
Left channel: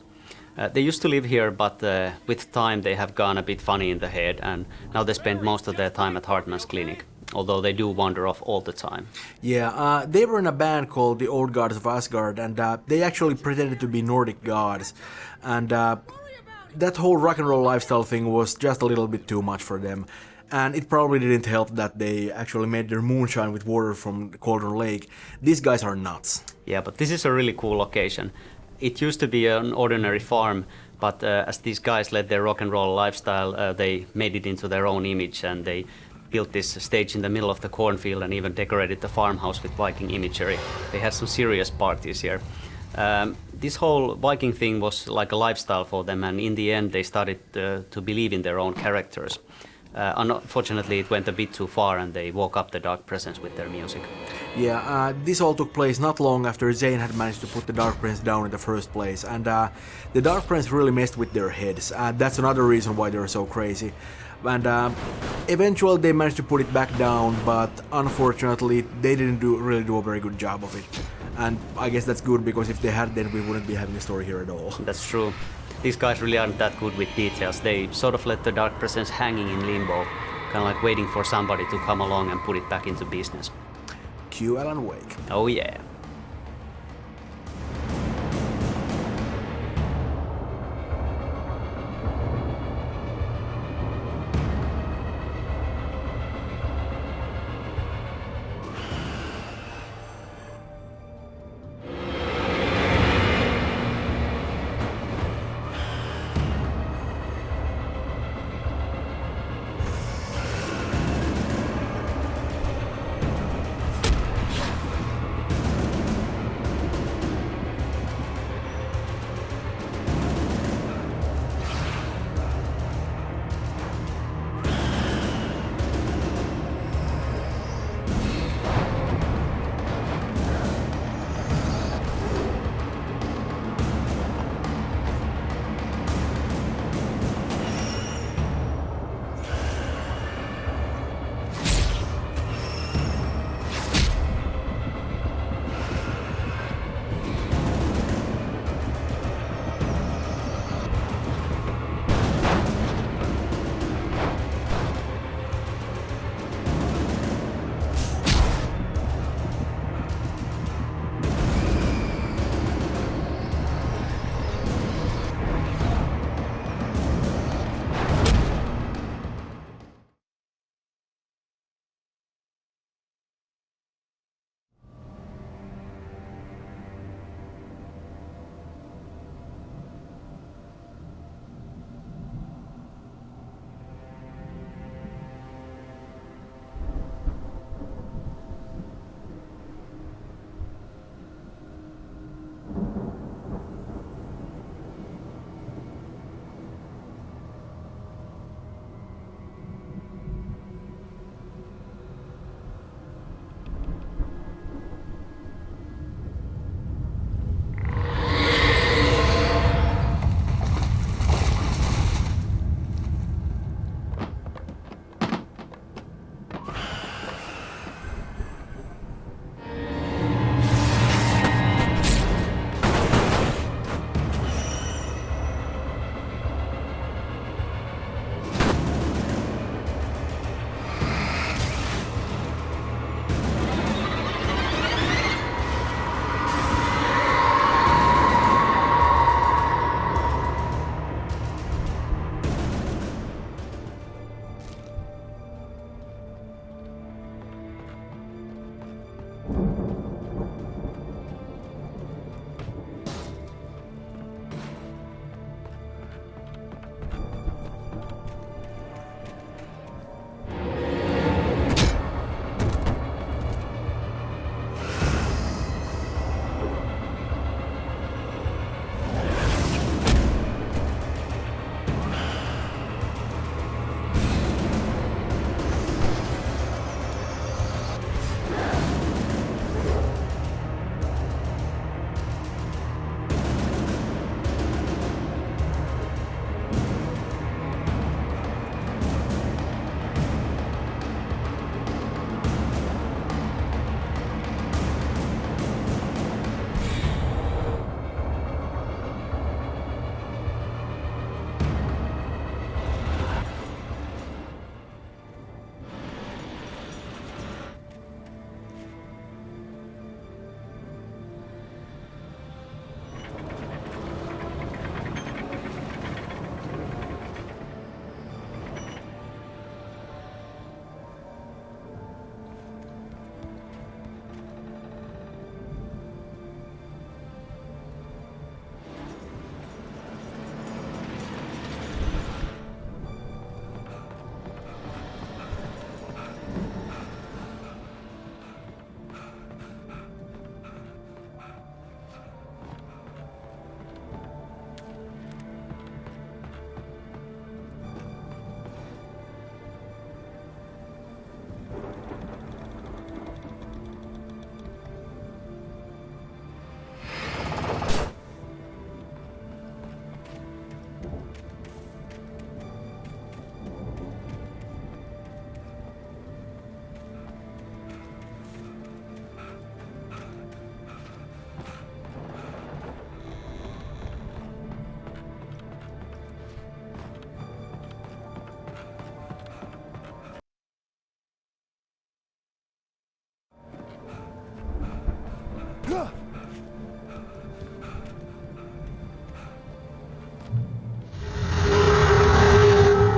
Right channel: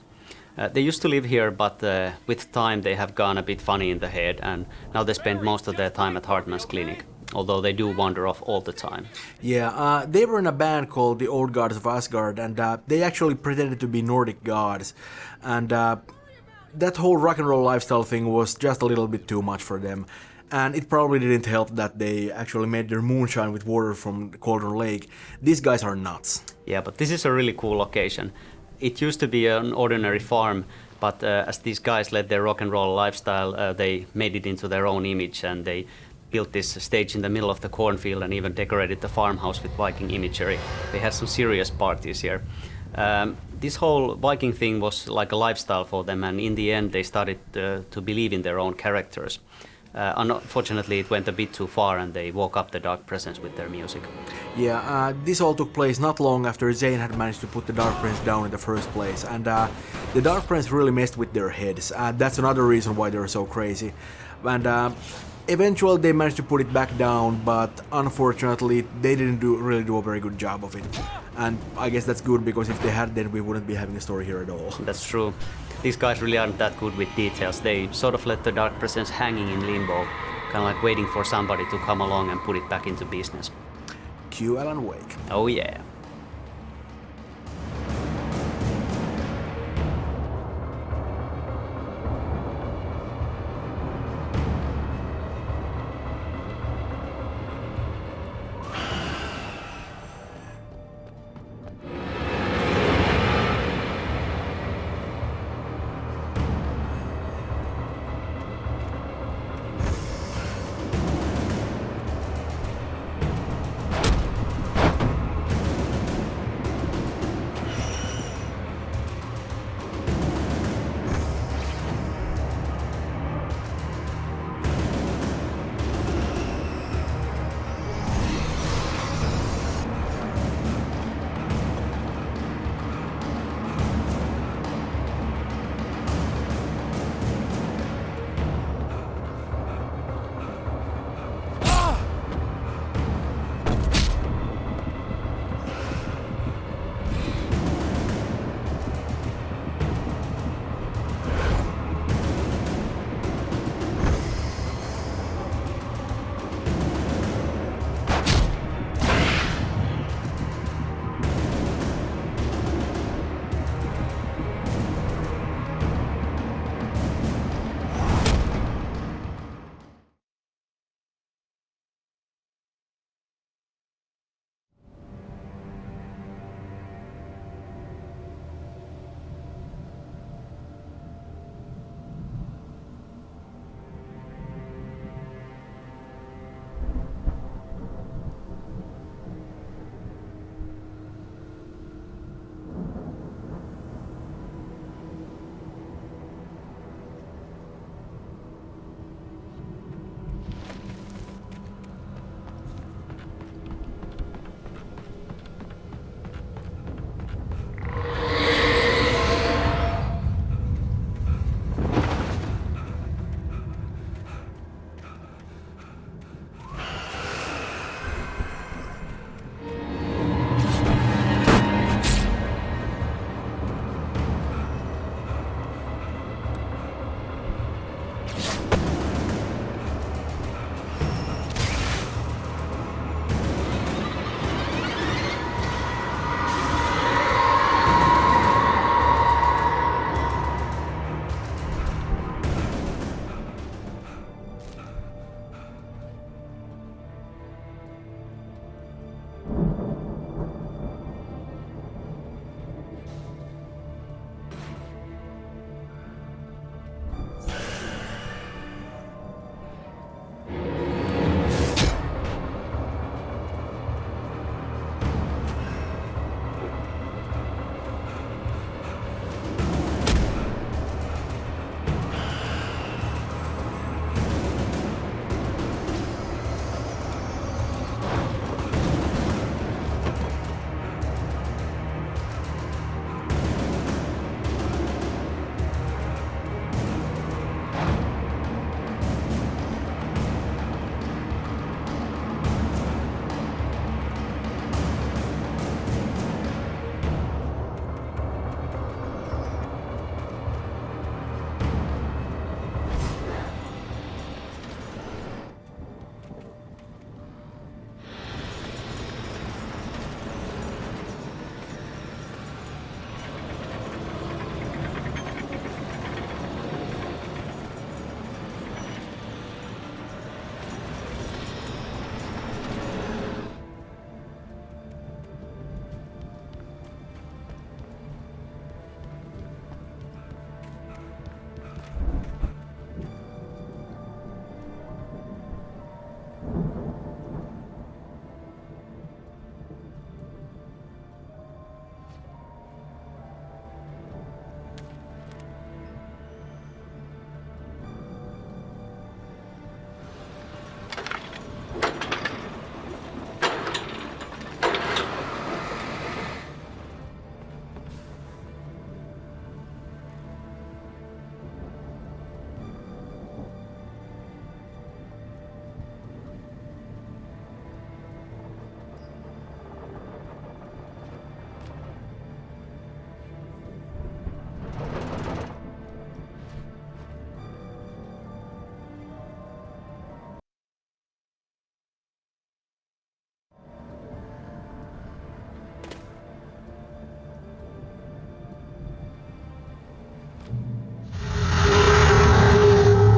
They used to live here, but with time they have gone a bit funny in the head, and now they spend most of their time at Hartman's clinic, although they do wander off all the time. Yeah, they were in a band called the Old Gods of Asgard, and they actually pretended to be Nordic gods. And that whole rock and roll lifestyle thing was just a little bit too much for them. And it probably didn't help that they actually made their moonshine with water from Cauldron Lake. These guys are nuts. Yeah, but this is a really cool location. It used to be an ordinary farm, but as these guys led their rock and roll lifestyle, they made it into their own image, and they built this stage in the middle of the cornfield and even decorated the farmhouse with Viking imagery. They had some serious parties here. This whole Viking thing was like a lifestyle for them, and in the end they started to believe in their own characters. Unfortunately, it went a bit too far, and they woke up the Dark Presence with their music. Yeah, this all took place not long after Zane had managed to put the Dark Prince down in the first place, and the Dark Prince really messed with their heads. That's another reason why they're so crazy. And eventually they managed to put it back down, but unfortunately they didn't really do a very good job of it. And I guess that's good, because if they had, then we wouldn't be having a story here at all. That's true. These guys really aren't that good with details. They sort of let the Dark Presence hanging in limbo, kind of like waiting for somebody to come along and put it back into business. Cue Alan Wake. Oh yeah.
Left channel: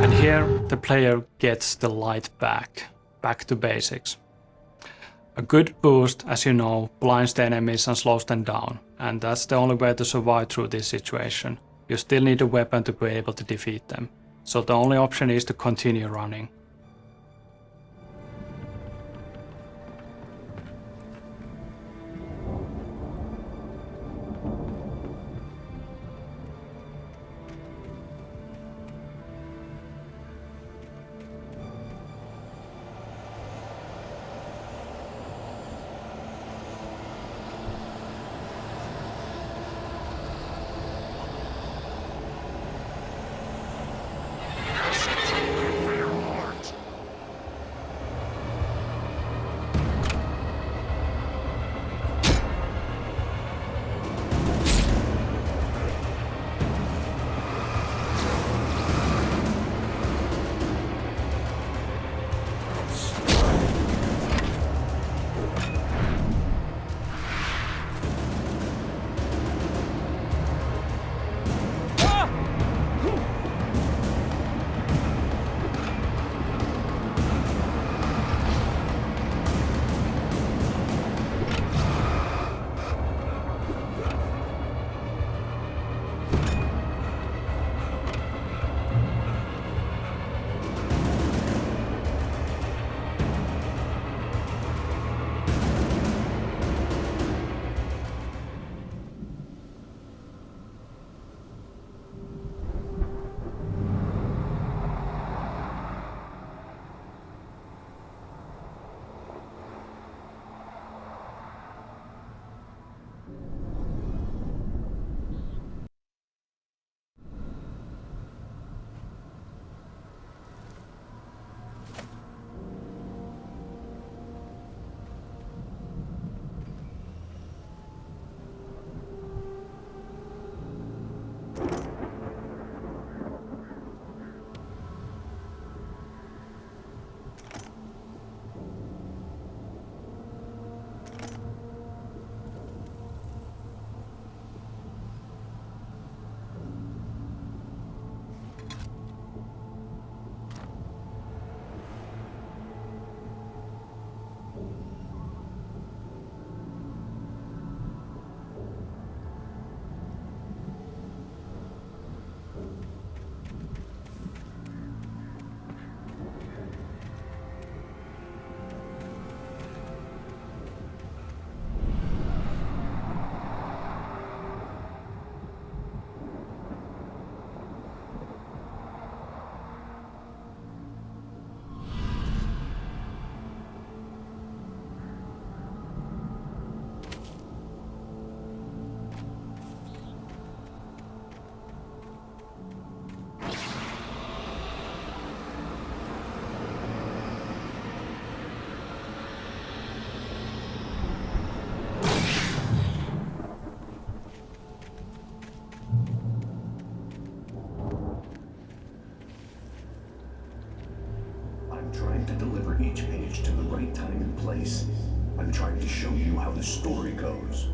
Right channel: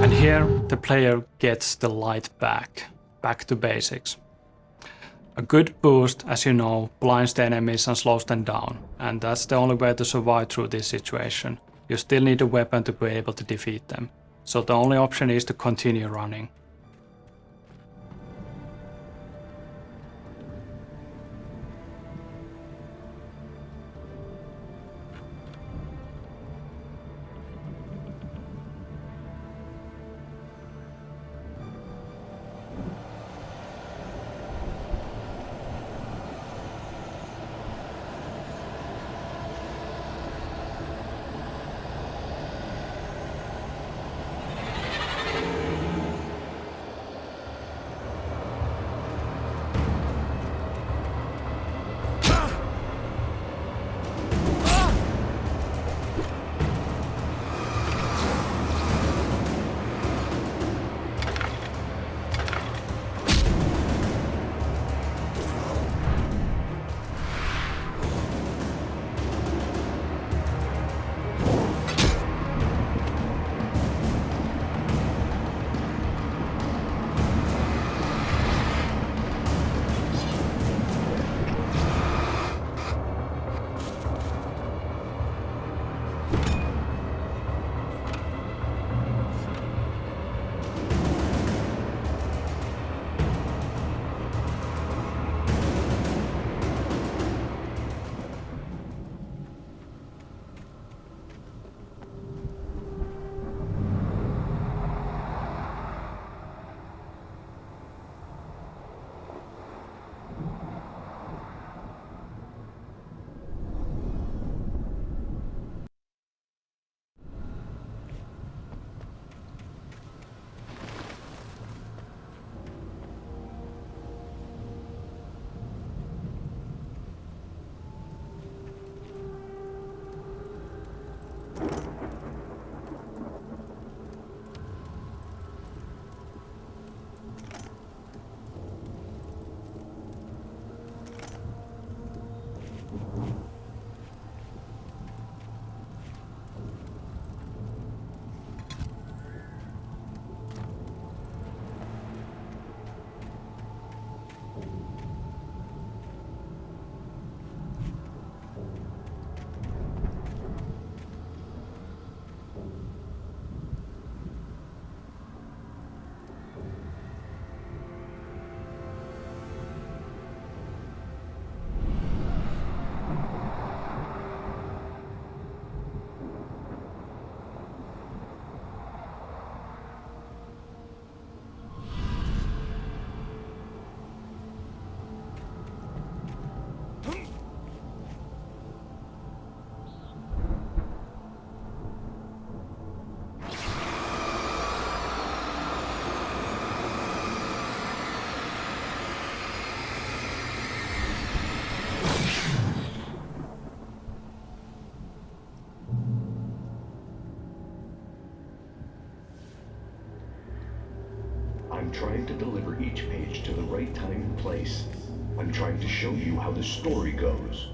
And here the player gets the light back to basics. A good boost, as you know, blinds the enemies and slows them down, and that's the only way to survive through this situation. You still need a weapon to be able to defeat them, so the only option is to continue running. I'm trying to deliver each page to the right time and place. I'm trying to show you how the story goes.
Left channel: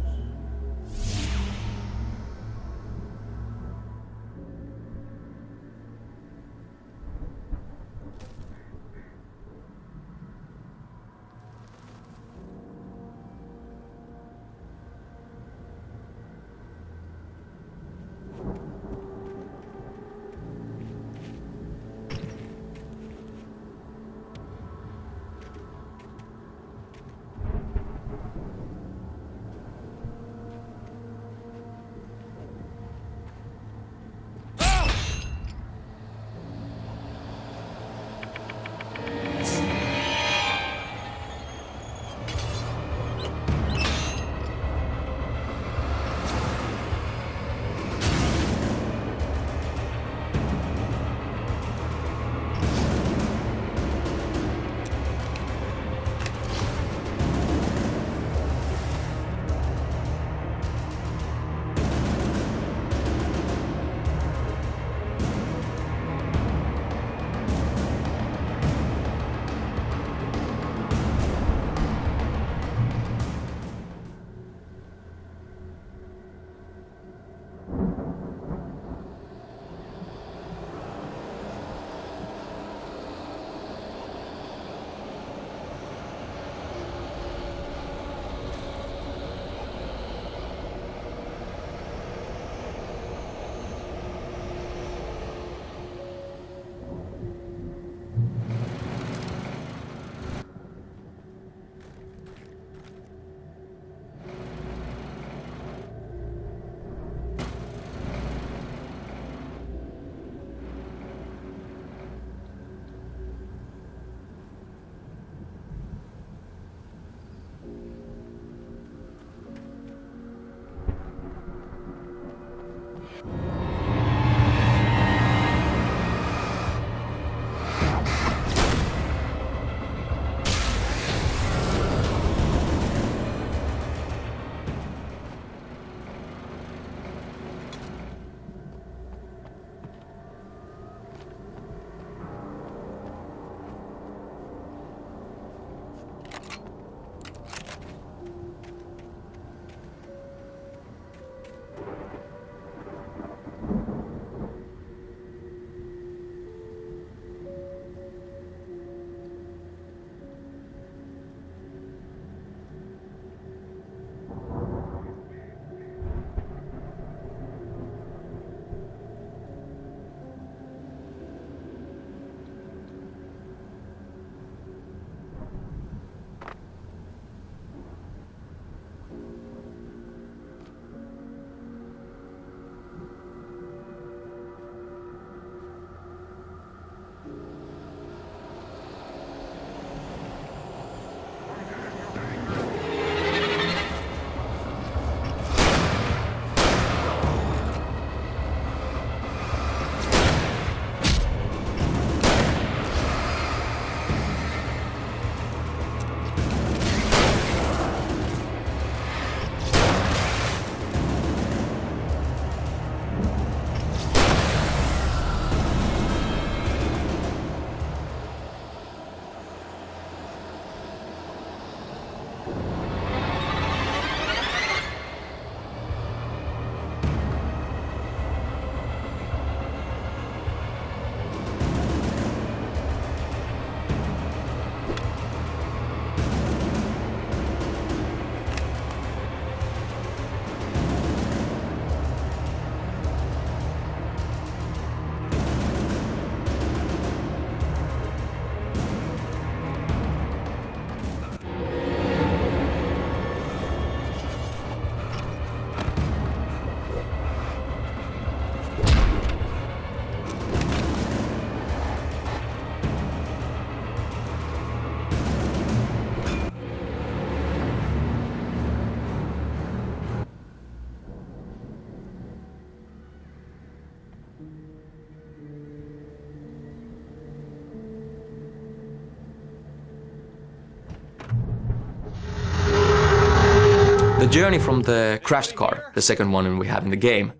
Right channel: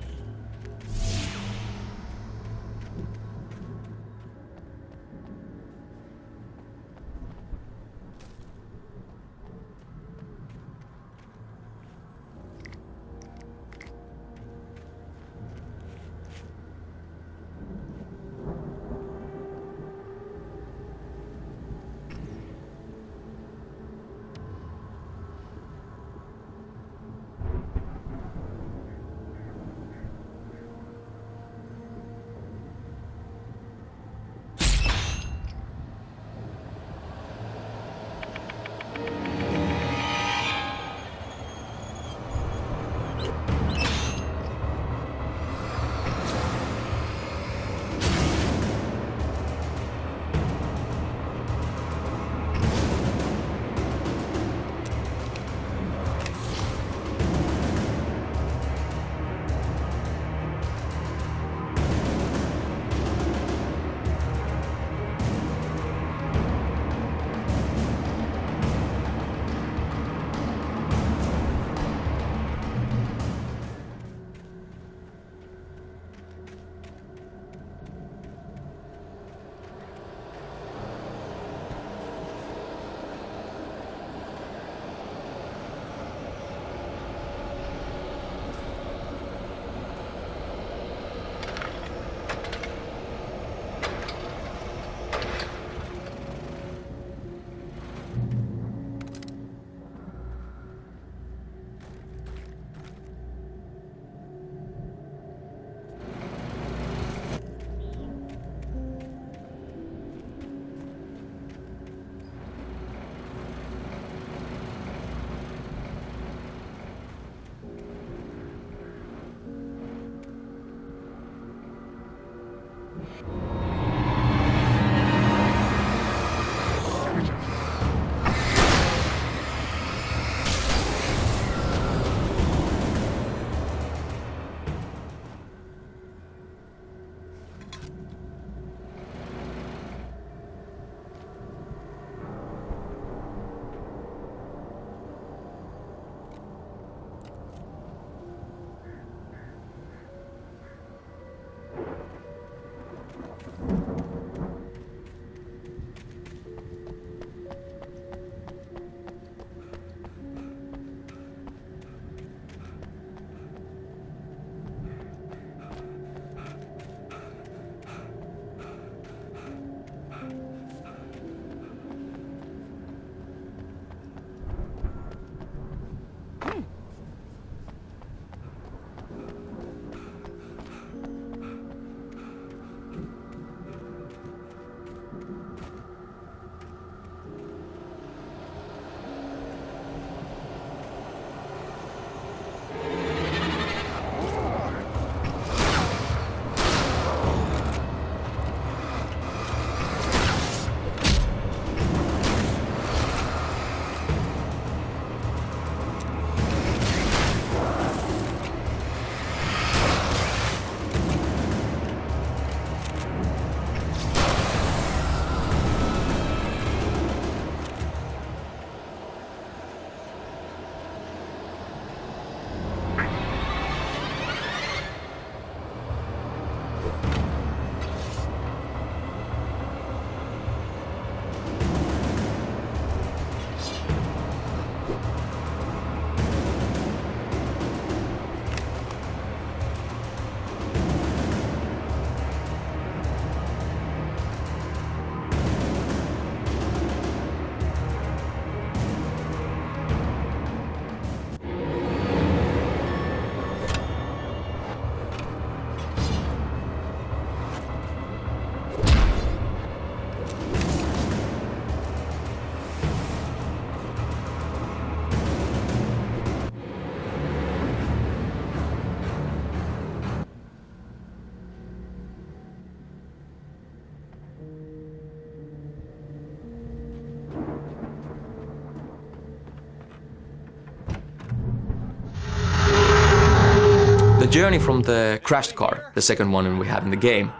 The journey from the crashed car, the second one we have in the game,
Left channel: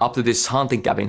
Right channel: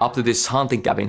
up to this hunting cabin